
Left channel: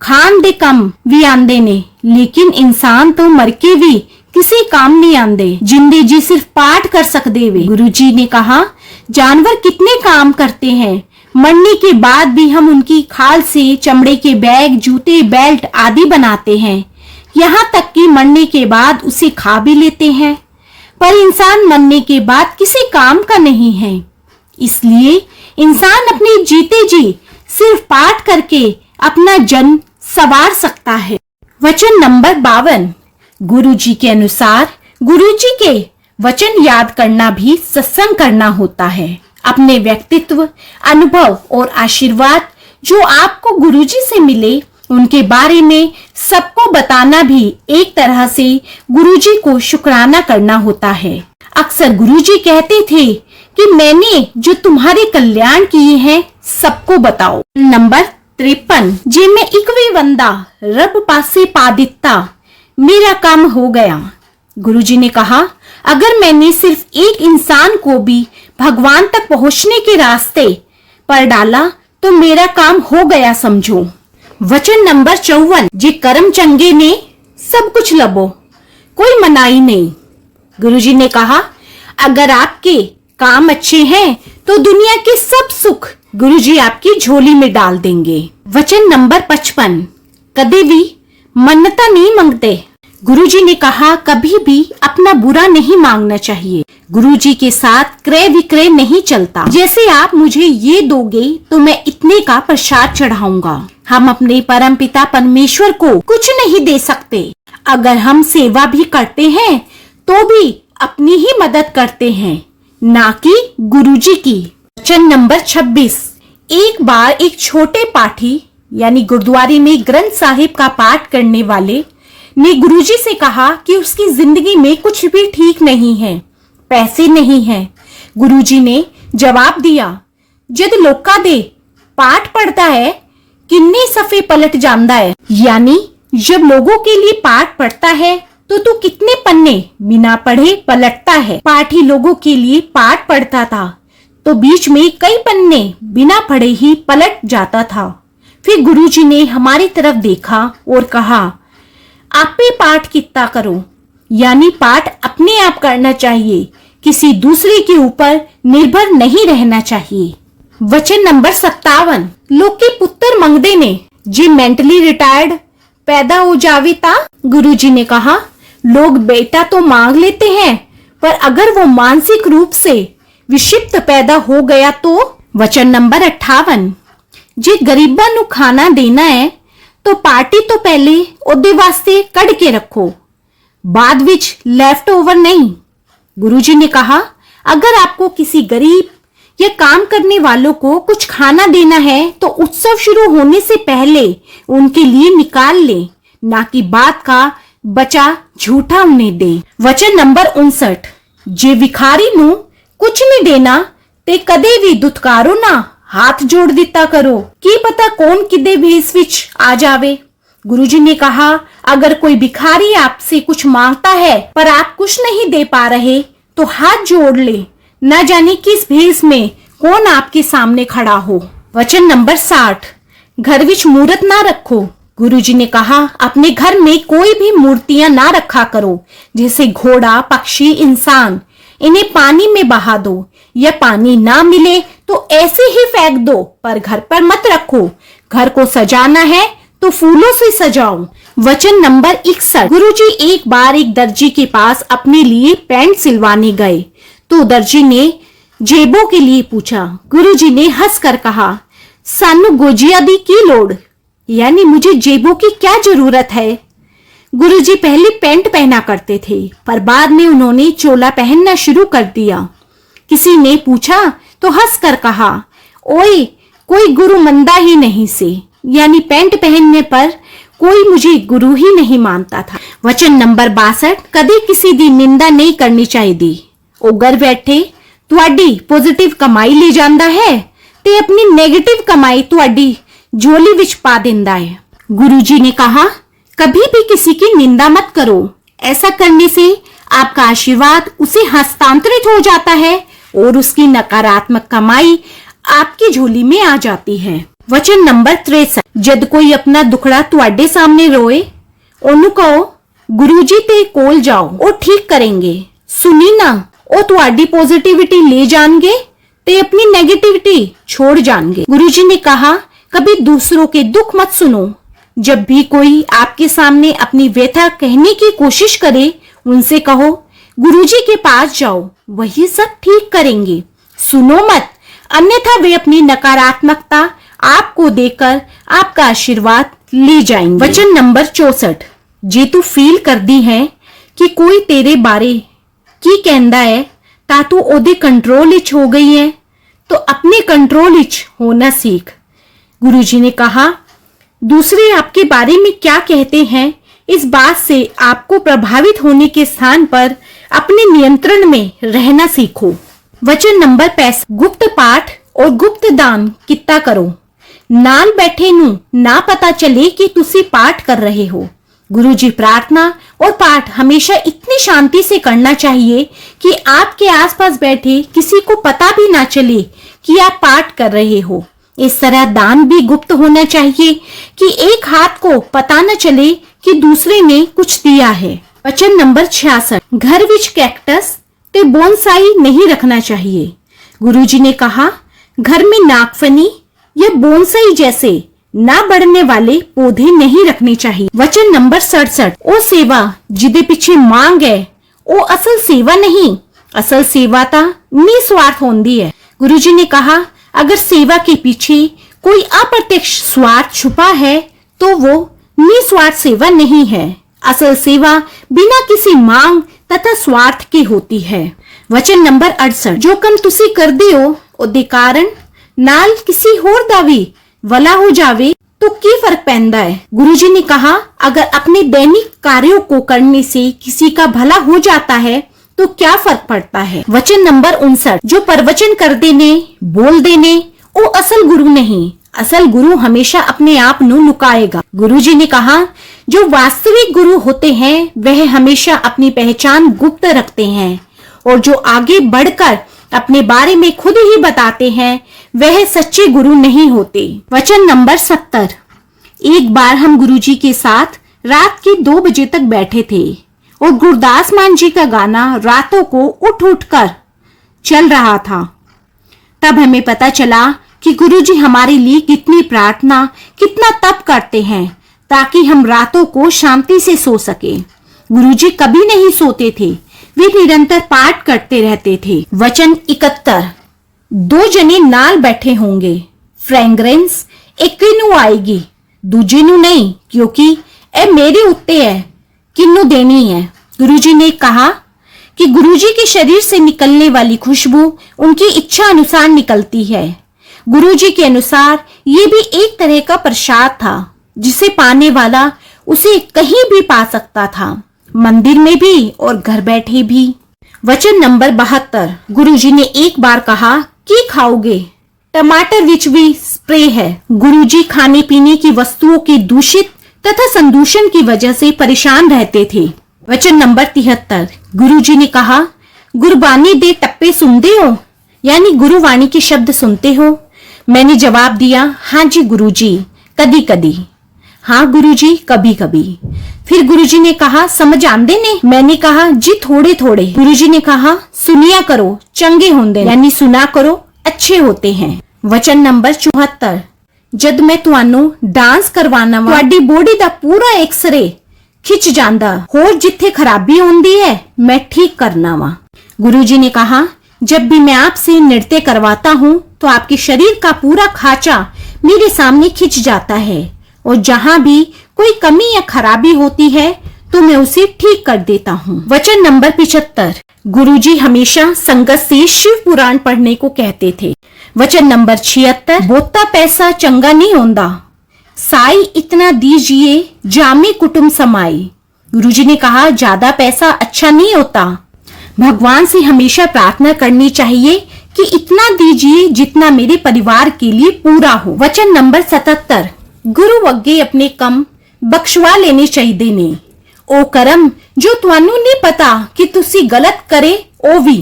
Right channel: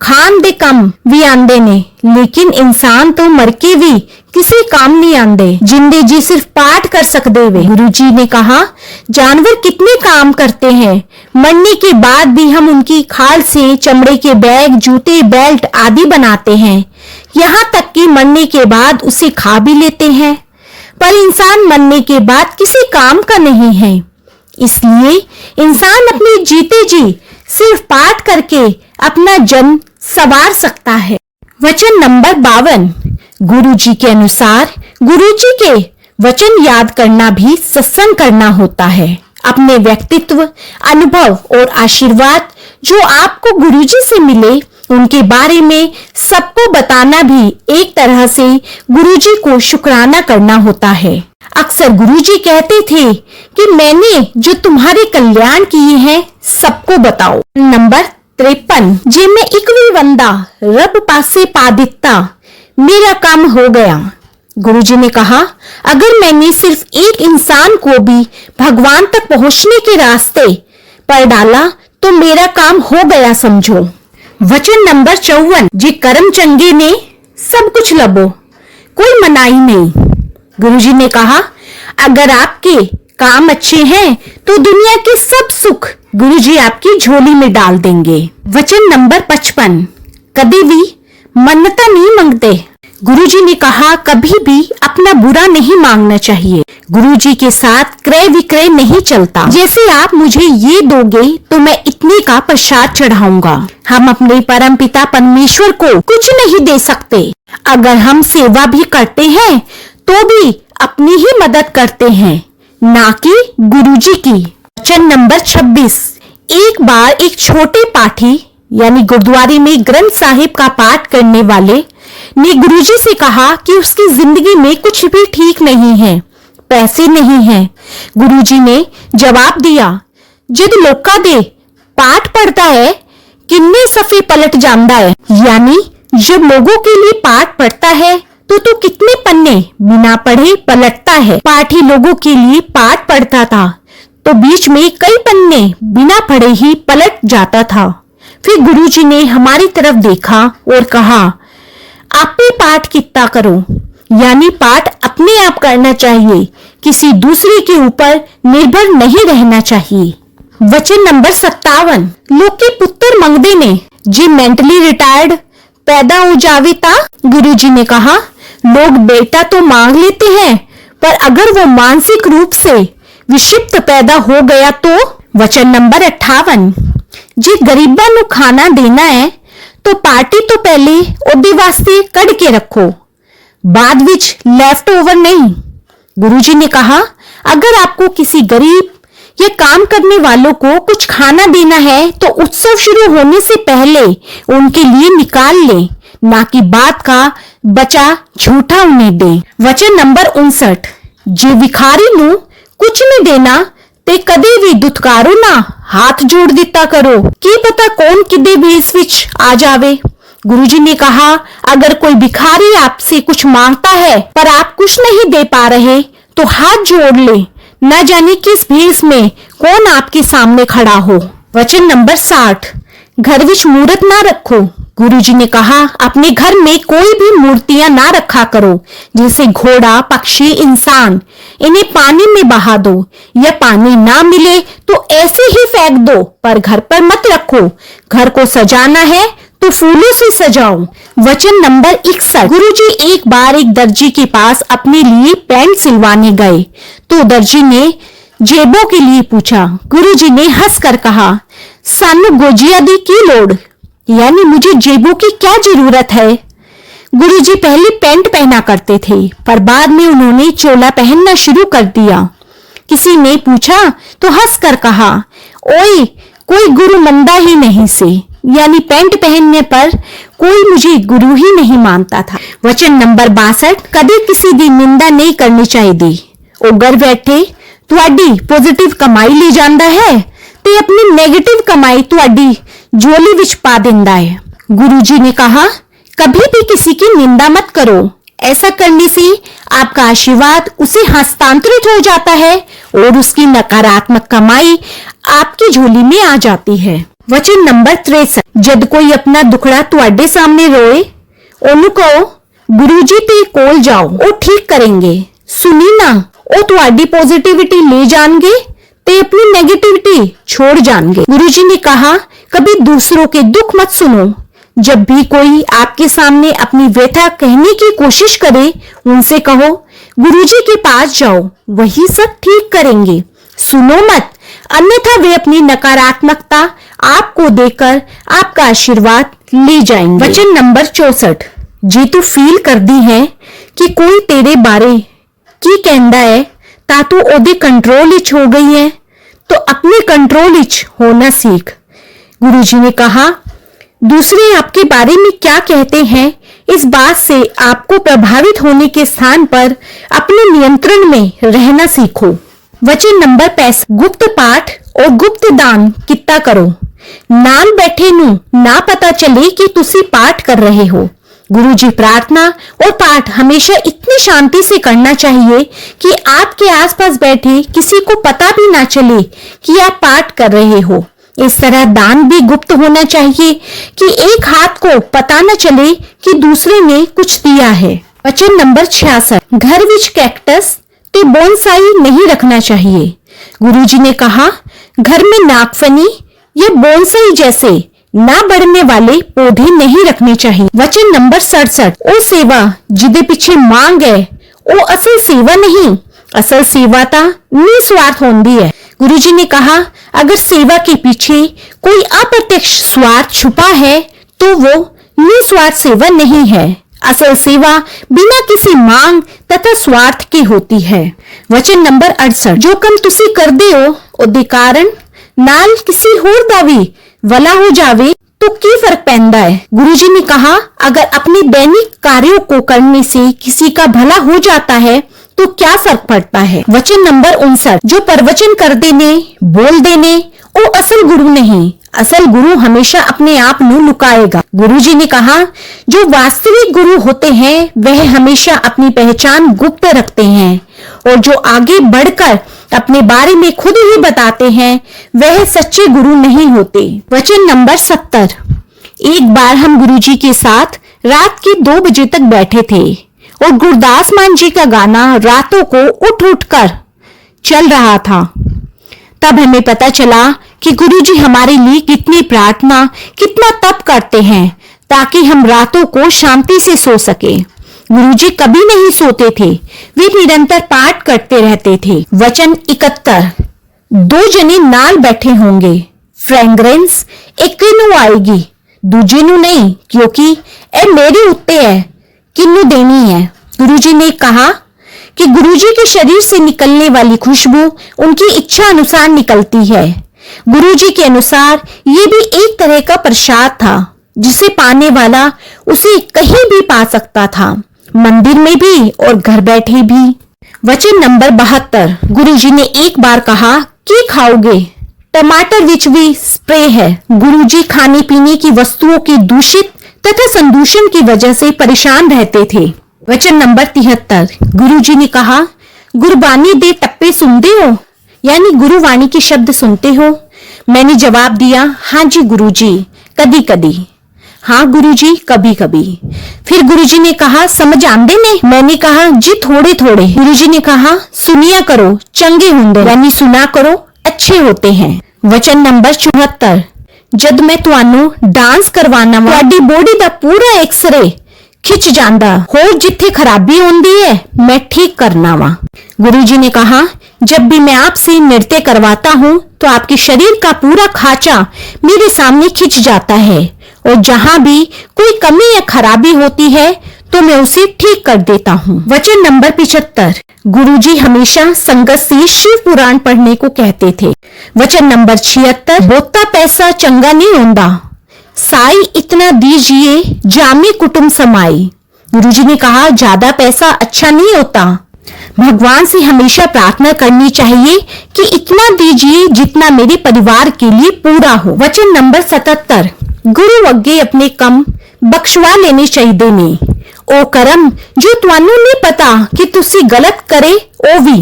खान दे कम भी आंदे ने, लेकिन इंसान तो मर के भी किसी काम नहीं आंदे। जिंदे जी सिर्फ पाठ कर सकते वे। गुरुजी ने कहा जानवर कितने काम करते हैं, मरने के बाद भी हम उनकी खाल से चमड़े के बैग, जूते, बेल्ट आदि बनाते हैं, यहाँ तक कि मरने के बाद उसे खा भी लेते हैं। पर इंसान मरने के बाद किसी काम का नहीं है, इसलिए इंसान अपने जीते जी सिर्फ पाठ करके अपना जन्म संवार सकता है। वचन नंबर 52, गुरुजी के अनुसार गुरुजी के वचन याद करना भी सत्संग करना होता है। अपने व्यक्तित्व, अनुभव और आशीर्वाद जो आपको गुरुजी से मिले उनके बारे में सबको बताना भी एक तरह से गुरुजी को शुक्राना करना होता है। अक्सर गुरुजी कहते थे कि मैंने जो तुम्हारे कल्याण किए हैं सबको बताओ। नंबर 53, जे मैं एक भी बंदा रब पासे पा दिता मेरा काम हो गया। गुरुजी ने कहा अगर मैंने सिर्फ एक इंसान को भी भगवान तक पहुंचने के रास्ते पर डाला तो मेरा काम हो गया समझो। वचन नंबर 54, जे कर्म चंगे ने सब कुछ लबो, कोई मनाही नहीं। गुरुजी ने कहा अगर आपके काम अच्छे हैं तो दुनिया के सब सुख गुरुजी आपकी झोली में डाल देंगे। वचन नंबर 55, कभी भी मन्नता नहीं मांगते। गुरुजी ने कहा कभी भी अपना बुरा नहीं मांगना चाहिए। गुरुजी के साथ क्रय विक्रय नहीं चलता। जैसे आप मुझे ये दोगे तो मैं इतने का प्रसाद चढ़ाऊंगा। हम अपने परम पिता परमेश्वर को कुछ नहीं दे सकते। अगर हम सेवा भी करते हैं तो भी अपनी ही मदद करते हैं, ना कि गुरुजी की। वचन नंबर 26, एक बार एक छोटे पाठी यानी गुरुद्वारे में ग्रंथ साहिब का पाठ करने वाले ने गुरुजी से कहा कि उसकी जिंदगी में कुछ भी ठीक नहीं है, पैसे नहीं है। गुरुजी ने जवाब दिया, जद लोका दे पाठ पढ़ता है किन्ने सफे पलट जांदा है। यानी जब लोगों के लिए पाठ पढ़ता है तो तू कितने पन्ने बिना पढ़े पलटता है। पाठ ही लोगों के लिए पाठ पढ़ता था तो बीच में कई पन्ने बिना पढ़े ही पलट जाता था। फिर गुरुजी ने हमारी तरफ देखा और कहा, आप भी पाठ कितना करो, यानी पाठ अपने आप करना चाहिए, किसी दूसरे के ऊपर निर्भर नहीं रहना चाहिए। वचन नंबर 57, लोग के पुत्र मंगदे ने जे मेंटली रिटायर्ड पैदा हो जावे ता। गुरुजी ने कहा, लोग बेटा तो मांग लेते हैं, पर अगर वो मानसिक रूप से विक्षिप्त पैदा हो गया तो। वचन नंबर 58, जे गरीबां नू खाना देना है तो पार्टी तो पहले ओदे वास्ते कड़ के रखो, बाद विच लेफ्ट ओवर नहीं। गुरुजी ने कहा, अगर आपको किसी गरीब या काम करने वालों को कुछ खाना देना है तो उत्सव शुरू होने से पहले उनके लिए निकाल ले, ना कि बाद का बचा झूठा उन्हें दे। वचन नंबर 59, जे भिखारी नू कुछ नहीं देना ते कदे भी दुत्कारो ना, हाथ जोड़ दिता करो, की पता कौन किदे भेस विच आ जावे। गुरुजी ने कहा, अगर कोई भिखारी आपसे कुछ मांगता है पर आप कुछ नहीं दे पा रहे तो हाथ जोड़ ले, न जाने किस भेस में कौन आपके सामने खड़ा हो। वचन नंबर 60, घर विच मूर्त ना रखो। गुरुजी ने कहा, अपने घर में कोई भी मूर्तियां ना रखा करो, जैसे घोड़ा, पक्षी, इंसान। इन्हें पानी में बहा दो या पानी ना मिले तो ऐसे ही फेंक दो, पर घर पर मत रखो। घर को सजाना है तो फूलों से सजाओ। वचन नंबर 61, गुरुजी एक बार एक दर्जी के पास अपने लिए पैंट सिलवाने गए तो दर्जी ने जेबों के लिए पूछा। गुरुजी ने हंसकर कहा, सानू गोजिया दी की लोड़, यानी मुझे जेबों की क्या जरूरत है। गुरुजी पहले पैंट पहना करते थे पर बाद में उन्होंने चोला पहनना शुरू कर दिया। किसी ने पूछा तो हंसकर कहा, ओए कोई गुरु मंदा ही नहीं से, यानी पैंट पहनने पर कोई मुझे गुरु ही नहीं मानता था। वचन नंबर 62, कभी किसी दी निंदा नहीं करनी चाहिए। ओ घर बैठे तुहाडी पॉजिटिव कमाई ले जांदा है ते अपनी नेगेटिव कमाई तुहाडी झोली विच पा देंदा है। गुरुजी ने कहा, कभी भी किसी की निंदा मत करो, ऐसा करने से आपका आशीर्वाद उसे हस्तांतरित हो जाता है और उसकी नकारात्मक कमाई आपकी झोली में आ जाती है। वचन नंबर 63, जद कोई अपना दुखड़ा तुहाडे सामने रोए ओनू कहो, गुरुजी ते कोल जाओ, ओ ठीक करेंगे। सुनी ना, ओ तुहाडी पॉजिटिविटी ले जाएंगे ते अपनी नेगेटिविटी छोड़ जाएंगे। गुरुजी ने कहा, कभी दूसरों के दुख मत सुनो। जब भी कोई आपके सामने अपनी व्यथा कहने की कोशिश करे, उनसे कहो, गुरुजी के पास जाओ, वही सब ठीक करेंगे। सुनो मत, अन्यथा वे अपनी नकारात्मकता आपको देकर आपका आशीर्वाद ले जाएंगे। वचन नंबर 64, जे तू फील कर दी है कि कोई तेरे बारे की कहंदा है ता तू ओदे कंट्रोल इच हो गई है तो अपने कंट्रोल इच होना सीख। गुरुजी ने कहा, दूसरे आपके बारे में क्या कहते हैं इस बात से आपको प्रभावित होने के स्थान पर अपने नियंत्रण में रहना सीखो। वचन नंबर 65, गुप्त पाठ और गुप्त दान कितना करो, नाल बैठे नू ना पता चले कि तुसी पाठ कर रहे हो। गुरुजी प्रार्थना और पाठ हमेशा इतनी शांति से करना चाहिए कि आपके आसपास बैठे किसी को पता भी ना चले कि आप पाठ कर रहे हो। इस तरह दान भी गुप्त होना चाहिए कि एक हाथ को पता न चले कि दूसरे ने कुछ दिया है। वचन नंबर 66, घर विच कैक्टस ते बोनसाई नहीं रखना चाहिए। गुरुजी ने कहा, घर में नागफनी या बोनसाई जैसे ना बढ़ने वाले पौधे नहीं रखने चाहिए। वचन नंबर 67, ओ सेवा जिदे पीछे मांग है ओ असल सेवा नहीं, असल सेवा ता निस्वार्थ होंदी है। गुरुजी ने कहा, अगर सेवा के पीछे कोई अप्रत्यक्ष स्वार्थ छुपा है तो वो निस्वार्थ सेवा नहीं है। असल सेवा बिना किसी मांग तथा स्वार्थ की होती है। वचन नंबर 68, जो कम तुसी कर दे हो ओदे कारण नाल किसी होर दा भी भला हो जावे तो की फर्क पैंदा है। गुरुजी ने कहा, अगर अपने दैनिक कार्यों को करने से किसी का भला हो जाता है तो क्या फर्क पड़ता है। वचन नंबर 59, जो प्रवचन कर देने बोल देने वो असल गुरु नहीं, असल गुरु हमेशा अपने आप ਨੂੰ लुकाएगा। गुरुजी ने कहा, जो वास्तविक गुरु होते हैं वह हमेशा अपनी पहचान गुप्त रखते हैं और जो आगे बढ़कर अपने बारे में खुद ही बताते हैं वह सच्चे गुरु नहीं होते। वचन नंबर 70, एक बार हम गुरुजी के साथ रात के 2 बजे तक बैठे थे और गुरदास मान जी का गाना रातों को उठ उठ कर चल रहा था। तब हमें पता चला कि गुरुजी हमारे लिए कितनी प्रार्थना, कितना तप करते हैं ताकि हम रातों को शांति से सो सके। गुरुजी कभी नहीं सोते थे, वे निरंतर पाठ करते रहते थे। वचन 71, 2 जने नाल बैठे होंगे, फ्रेग्रेंस एक नू आएगी दूजे नू नहीं, क्योंकि ए मेरे उत्ते है किन्नू देनी है। गुरुजी ने कहा कि गुरुजी के शरीर से निकलने वाली खुशबू उनकी इच्छा अनुसार निकलती है। गुरुजी के अनुसार ये भी एक तरह का प्रसाद था जिसे पाने वाला उसे कहीं भी पा सकता था, मंदिर में भी और घर बैठे भी। वचन नंबर 72, गुरुजी ने एक बार कहा, की खाओगे, टमाटर विच भी स्प्रे है। गुरुजी खाने पीने की वस्तुओं की दूषित तथा संदूषण की वजह से परेशान रहते थे। वचन नंबर 73, गुरुजी ने कहा, गुरबानी दे टप्पे सुनते हो, यानी गुरुवाणी के शब्द सुनते हो। मैंने जवाब दिया, हाँ जी गुरुजी, कदी कदी। हाँ गुरुजी, कभी कभी। फिर गुरुजी ने कहा, समझ आंदे ने? मैंने कहा, जी थोड़े थोड़े। गुरुजी ने कहा, सुनिया करो चंगे होंदे, यानी सुना करो अच्छे होते हैं। वचन नंबर 74, जद मैं ਤੁਹਾਨੂੰ डांस करवाना ਵਾ ਤੁਹਾਡੀ बॉडी ਦਾ पूरा एक्सरे खिंच जांदा होर जिथे खराबी होंदी है मैं ठीक करना वा। गुरुजी ने कहा, जब भी मैं आपसे नृत्य करवाता हूँ तो आपके शरीर का पूरा खांचा मेरे सामने खिंच जाता है और जहाँ भी कोई कमी या खराबी होती है तो मैं उसे ठीक कर देता हूँ। वचन नंबर 75, गुरुजी हमेशा संगत से शिव पुराण पढ़ने को कहते थे। वचन नंबर 76, बोता पैसा चंगा नहीं होता, साई इतना दीजिए जामे कुटुंब समाई। गुरुजी ने कहा, ज्यादा पैसा अच्छा नहीं होता, भगवान से हमेशा प्रार्थना करनी चाहिए कि इतना दीजिए जितना मेरे परिवार के लिए पूरा हो। वचन नंबर 77, गुरु अगे अपने कम बख्शवा लेने चाहिए ने, ओ करम जो ਤੁਹਾਨੂੰ नहीं पता कि तुसी गलत करे ओ भी।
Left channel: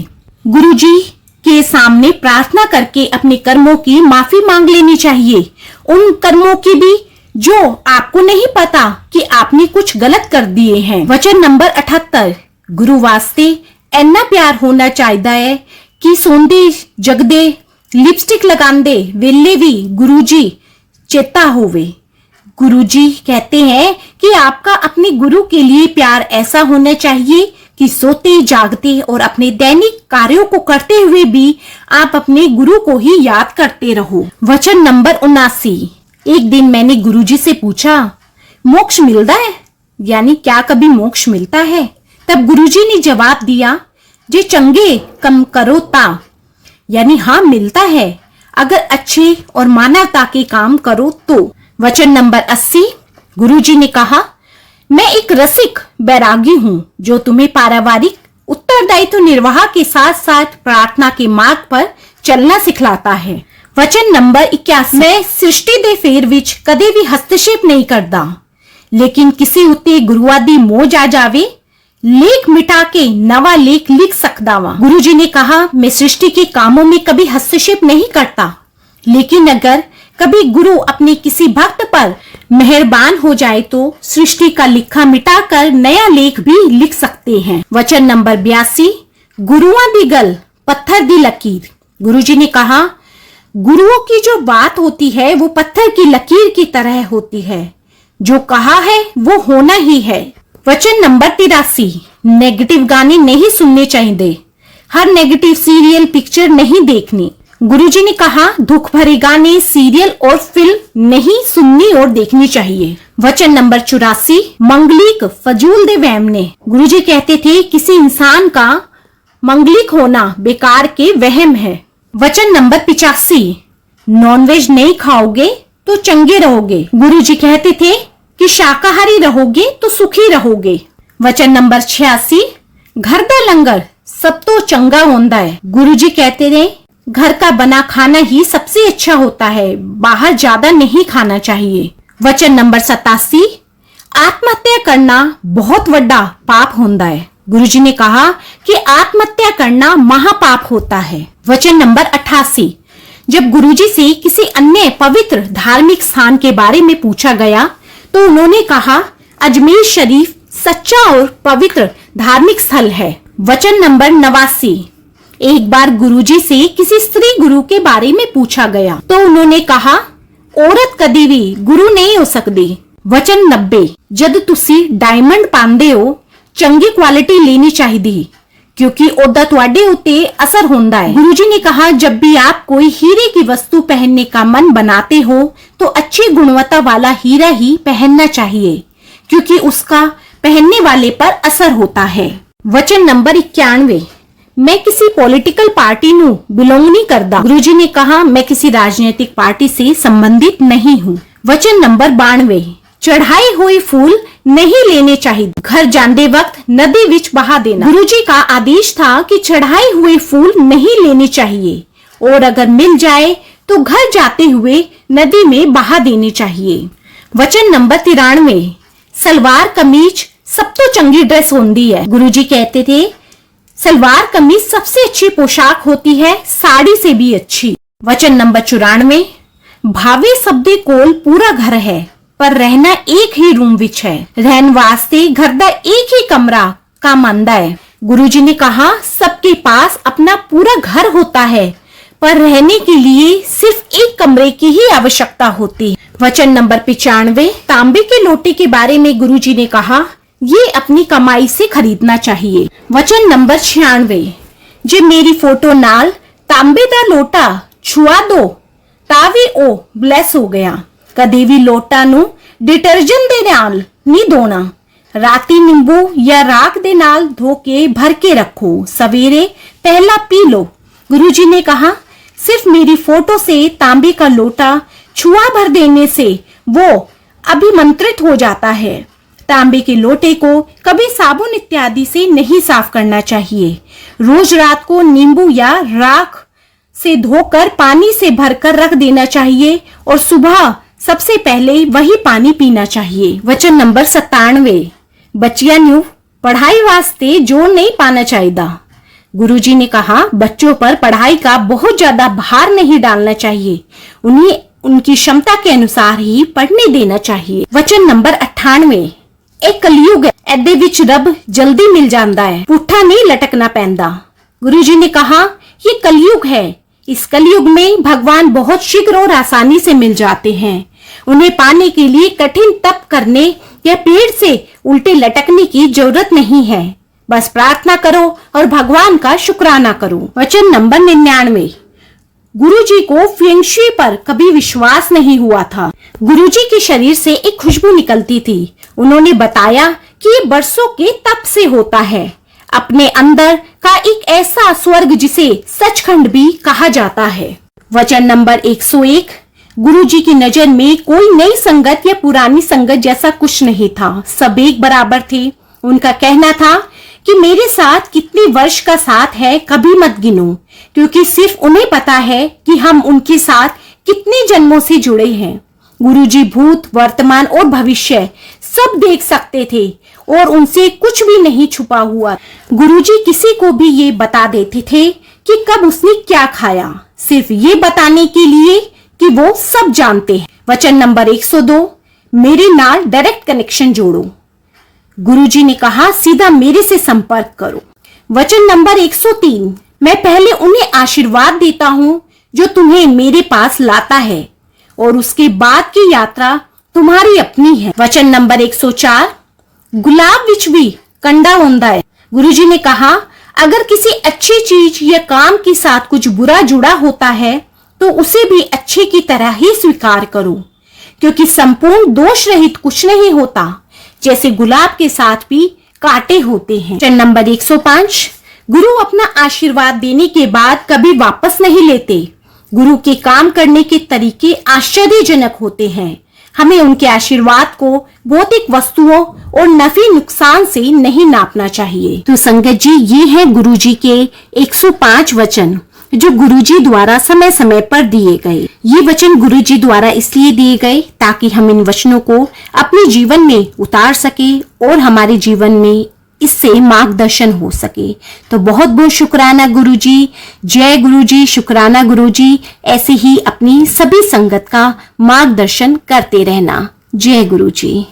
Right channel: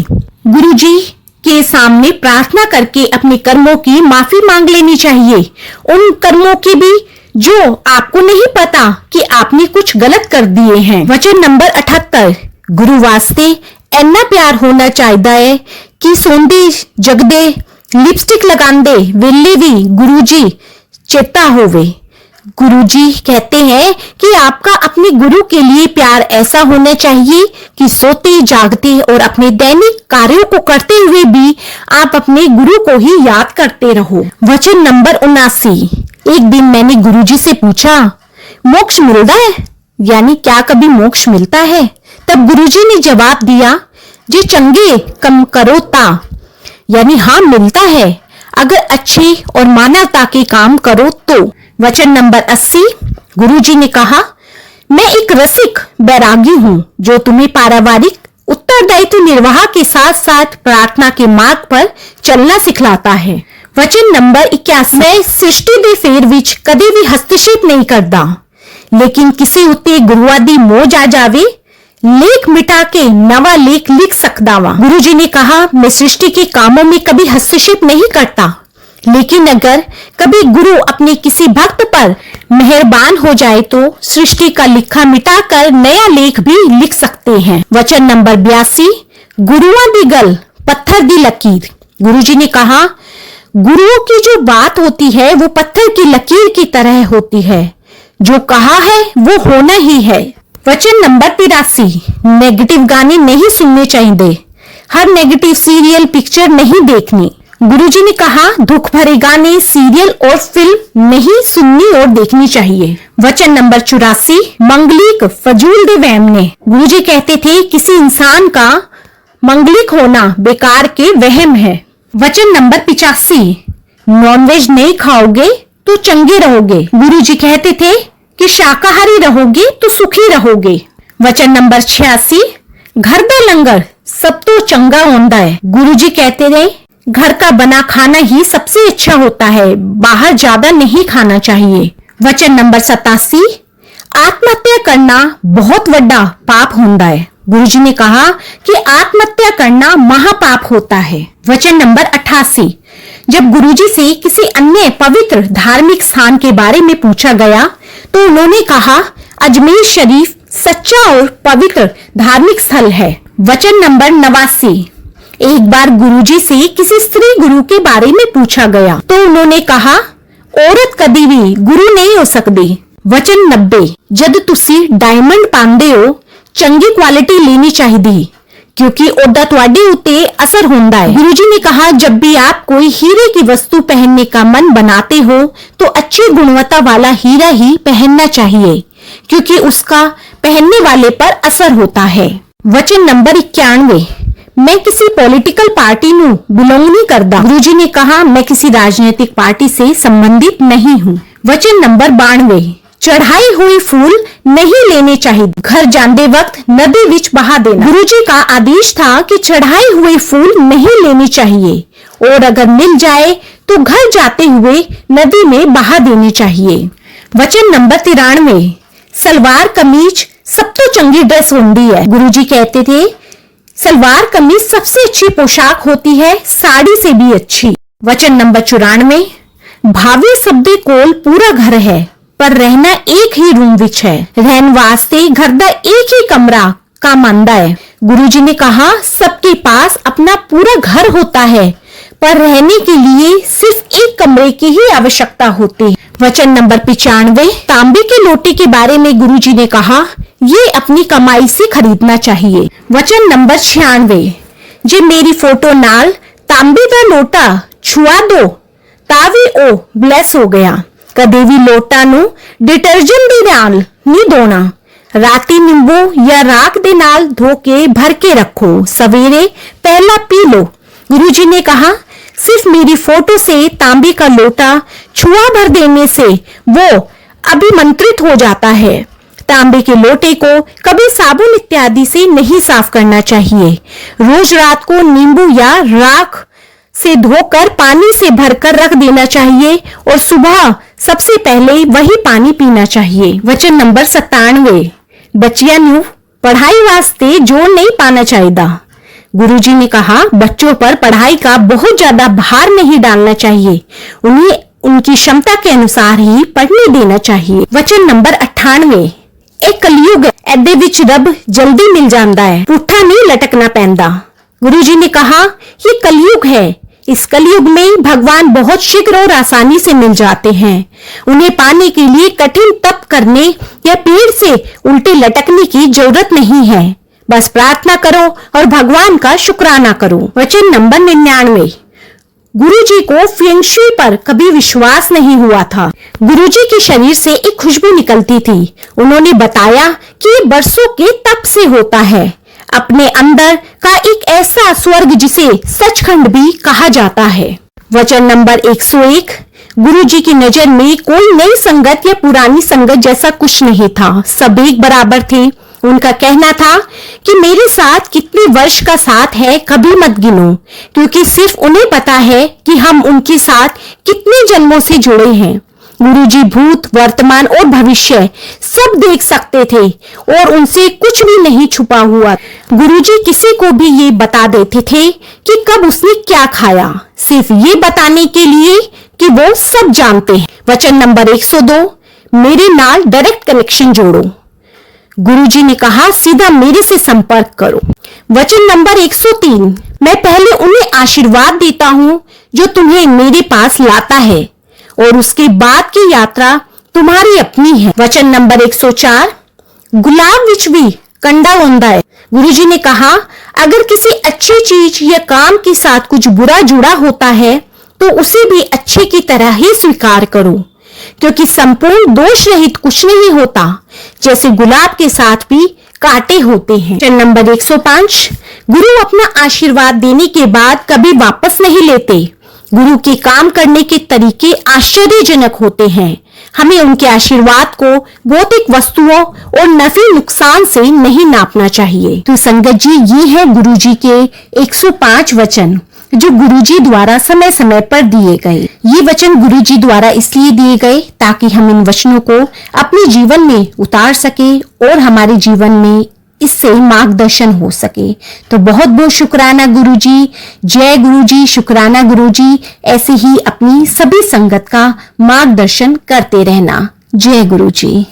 गुरुजी के सामने प्रार्थना करके अपने कर्मों की माफी मांग लेनी चाहिए, उन कर्मों की भी जो आपको नहीं पता कि आपने कुछ गलत कर दिए हैं। वचन नंबर 78, गुरु वास्ते इन्ना प्यार होना चाहिए है कि सोंदे जगदे लिपस्टिक लगांदे वेले भी गुरुजी चेता होवे। गुरुजी कहते हैं कि आपका अपने गुरु के लिए प्यार ऐसा होना चाहिए कि सोते जागते और अपने दैनिक कार्यों को करते हुए भी आप अपने गुरु को ही याद करते रहो। वचन नंबर 79, एक दिन मैंने गुरुजी से पूछा, मोक्ष मिलता है, यानी क्या कभी मोक्ष मिलता है? तब गुरुजी ने जवाब दिया, जे चंगे कम करो ता, यानी हाँ मिलता है अगर अच्छे और मानवता के काम करो तो। वचन नंबर 80, गुरुजी ने कहा, मैं एक रसिक बैरागी हूँ जो तुम्हें पारिवारिक उत्तरदायित्व निर्वाह के साथ साथ प्रार्थना के मार्ग पर चलना सिखलाता है। वचन नंबर 81, मैं सृष्टि दे फेर विच कदे भी हस्तक्षेप नहीं करता, लेकिन किसी उत्ते गुरुआ दी मोज आ जावे लेख मिटा के नवा लेख लिख सकदा वा। गुरुजी ने कहा, मैं सृष्टि के कामों में कभी हस्तक्षेप नहीं करता, लेकिन अगर कभी गुरु अपने किसी भक्त पर मेहरबान हो जाए तो सृष्टि का लिखा मिटाकर नया लेख भी लिख सकते हैं। वचन नंबर 82, गुरुओं दी गल पत्थर दी लकीर। गुरुजी ने कहा, गुरुओं की जो बात होती है वो पत्थर की लकीर की तरह होती है, जो कहा है वो होना ही है। वचन नंबर 83, नेगेटिव गाने नहीं सुनने चाहिए, हर नेगेटिव सीरियल पिक्चर नहीं देखनी। गुरुजी ने कहा, दुख भरे गाने सीरियल और फिल्म नहीं सुननी और देखनी चाहिए। वचन नंबर 84, मंगलिक फजूल दे वहम ने। गुरुजी कहते थे किसी इंसान का मंगलिक होना बेकार के वहम है। वचन नंबर 85, नॉनवेज नहीं खाओगे तो चंगे रहोगे। गुरुजी कहते थे कि शाकाहारी रहोगे तो सुखी रहोगे। वचन नंबर 86, घर दा लंगर सब तो चंगा होता है। गुरुजी कहते थे घर का बना खाना ही सबसे अच्छा होता है, बाहर ज्यादा नहीं खाना चाहिए। वचन नंबर 87, आत्महत्या करना बहुत बड़ा पाप होता है। गुरुजी ने कहा कि आत्महत्या करना महापाप होता है। वचन नंबर 88, जब गुरुजी से किसी अन्य पवित्र धार्मिक स्थान के बारे में पूछा गया तो उन्होंने कहा अजमेर शरीफ सच्चा और पवित्र धार्मिक स्थल है। वचन नंबर 89, एक बार गुरुजी से किसी स्त्री गुरु के बारे में पूछा गया तो उन्होंने कहा औरत कभी भी गुरु नहीं हो सकती। वचन 90, जद तुसी डायमंड पांदे हो चंगी क्वालिटी लेनी चाहिए क्योंकि ओदा तुहाडे उत्ते असर होता है। गुरुजी ने कहा जब भी आप कोई हीरे की वस्तु पहनने का मन बनाते हो तो अच्छी गुणवत्ता वाला हीरा ही पहनना चाहिए क्योंकि उसका पहनने वाले पर असर होता है। वचन नंबर 91, मैं किसी पॉलिटिकल पार्टी नु बिलोंग नहीं करता। गुरुजी ने कहा मैं किसी राजनीतिक पार्टी से संबंधित नहीं हूँ। वचन नंबर 92, चढ़ाई हुई फूल नहीं लेने चाहिए, घर जाते वक्त नदी विच बहा देना। गुरुजी का आदेश था कि चढ़ाए हुए फूल नहीं लेने चाहिए और अगर मिल जाए तो घर जाते हुए नदी में बहा देने चाहिए। वचन नंबर 93, सलवार कमीज सब तो चंगी ड्रेस होती है। गुरुजी कहते थे सलवार कमीज सबसे अच्छी पोशाक होती है, साड़ी से भी अच्छी। वचन नंबर 94, भावे सबदे कोल पूरा घर है पर रहना एक ही रूम विच है, रहन वास्ते घर दा एक ही कमरा काम आंदा है। गुरुजी ने कहा सबके पास अपना पूरा घर होता है पर रहने के लिए सिर्फ एक कमरे की ही आवश्यकता होती है। वचन नंबर 95, तांबे के लोटे के बारे में गुरुजी ने कहा ये अपनी कमाई से खरीदना चाहिए। वचन नंबर 96, जे मेरी फोटो नाल तांबे दा लोटा छुआ दो तावी ओ ब्लेस हो गया। कदे भी लोटा नु डिटर्जेंट दे नाल नहीं धोना, राती नींबू या राख दे नाल धो के भर के रखो, सवेरे पहला पी लो। गुरुजी ने कहा सिर्फ मेरी फोटो से तांबे का लोटा छुआ भर देने से वो अभिमंत्रित हो जाता है। तांबे के लोटे को कभी साबुन इत्यादि से नहीं साफ करना चाहिए। रोज रात को नींबू या राख से धोकर पानी से भरकर रख देना चाहिए और सुबह सबसे पहले वही पानी पीना चाहिए। वचन नंबर 97, बच्चियां नु पढ़ाई वास्ते जोर नहीं पाना चाहिए। गुरुजी ने कहा बच्चों पर पढ़ाई का बहुत ज्यादा भार नहीं डालना चाहिए, उन्हें उनकी क्षमता के अनुसार ही पढ़ने देना चाहिए। वचन नंबर 98, एक कलयुग एदे विच रब जल्दी मिल जाता है, पुट्ठा नहीं लटकना पैंदा। गुरुजी ने कहा ये कलयुग है, इस कलयुग में भगवान बहुत शीघ्र और आसानी से मिल जाते हैं, उन्हें पाने के लिए कठिन तप करने या पेड़ से उल्टे लटकने की जरूरत नहीं है, बस प्रार्थना करो और भगवान का शुक्राना करो। वचन नंबर 99, गुरुजी को फेंगशुई पर कभी विश्वास नहीं हुआ था। गुरुजी के शरीर से एक खुशबू निकलती थी। उन्होंने बताया कि ये बरसों के तप से होता है, अपने अंदर का एक ऐसा स्वर्ग जिसे सचखंड भी कहा जाता है। वचन नंबर 101, गुरुजी की नजर में कोई नई संगत या पुरानी संगत जैसा कुछ नहीं था, सब एक बराबर थे। उनका कहना था कि मेरे साथ कितने वर्ष का साथ है कभी मत गिनो, क्योंकि सिर्फ उन्हें पता है कि हम उनके साथ कितने जन्मों से जुड़े हैं। गुरुजी भूत, वर्तमान और भविष्य सब देख सकते थे और उनसे कुछ भी नहीं छुपा हुआ। गुरुजी किसी को भी ये बता देते थे कि कब उसने क्या खाया, सिर्फ ये बताने के लिए कि वो सब जानते हैं। वचन नंबर 102, मेरे नाल डायरेक्ट कनेक्शन जोड़ो। गुरुजी ने कहा सीधा मेरे से संपर्क करो। वचन नंबर 103, मैं पहले उन्हें आशीर्वाद देता हूँ जो तुम्हें मेरे पास लाता है और उसके बाद की यात्रा तुम्हारी अपनी है। वचन नंबर 104, गुलाब विच भी कंडा होता है। गुरुजी ने कहा अगर किसी अच्छी चीज या काम के साथ कुछ बुरा जुड़ा होता है तो उसे भी अच्छे की तरह ही स्वीकार करो, क्योंकि संपूर्ण दोष रहित कुछ नहीं होता, जैसे गुलाब के साथ भी कांटे होते हैं। वचन नंबर 105, गुरु अपना आशीर्वाद देने के बाद कभी वापस नहीं लेते। गुरु के काम करने के तरीके आश्चर्यजनक होते हैं। हमें उनके आशीर्वाद को भौतिक वस्तुओं और नफी नुकसान से नहीं नापना चाहिए। तो संगत जी, ये है गुरु जी के 105 वचन जो गुरुजी द्वारा समय समय पर दिए गए। ये वचन गुरुजी द्वारा इसलिए दिए गए ताकि हम इन वचनों को अपने जीवन में उतार सके और हमारे जीवन में इससे मार्गदर्शन हो सके। तो बहुत बहुत शुक्राना गुरुजी, जय गुरुजी, शुक्राना गुरुजी। ऐसे ही अपनी सभी संगत का मार्गदर्शन करते रहना। जय गुरुजी।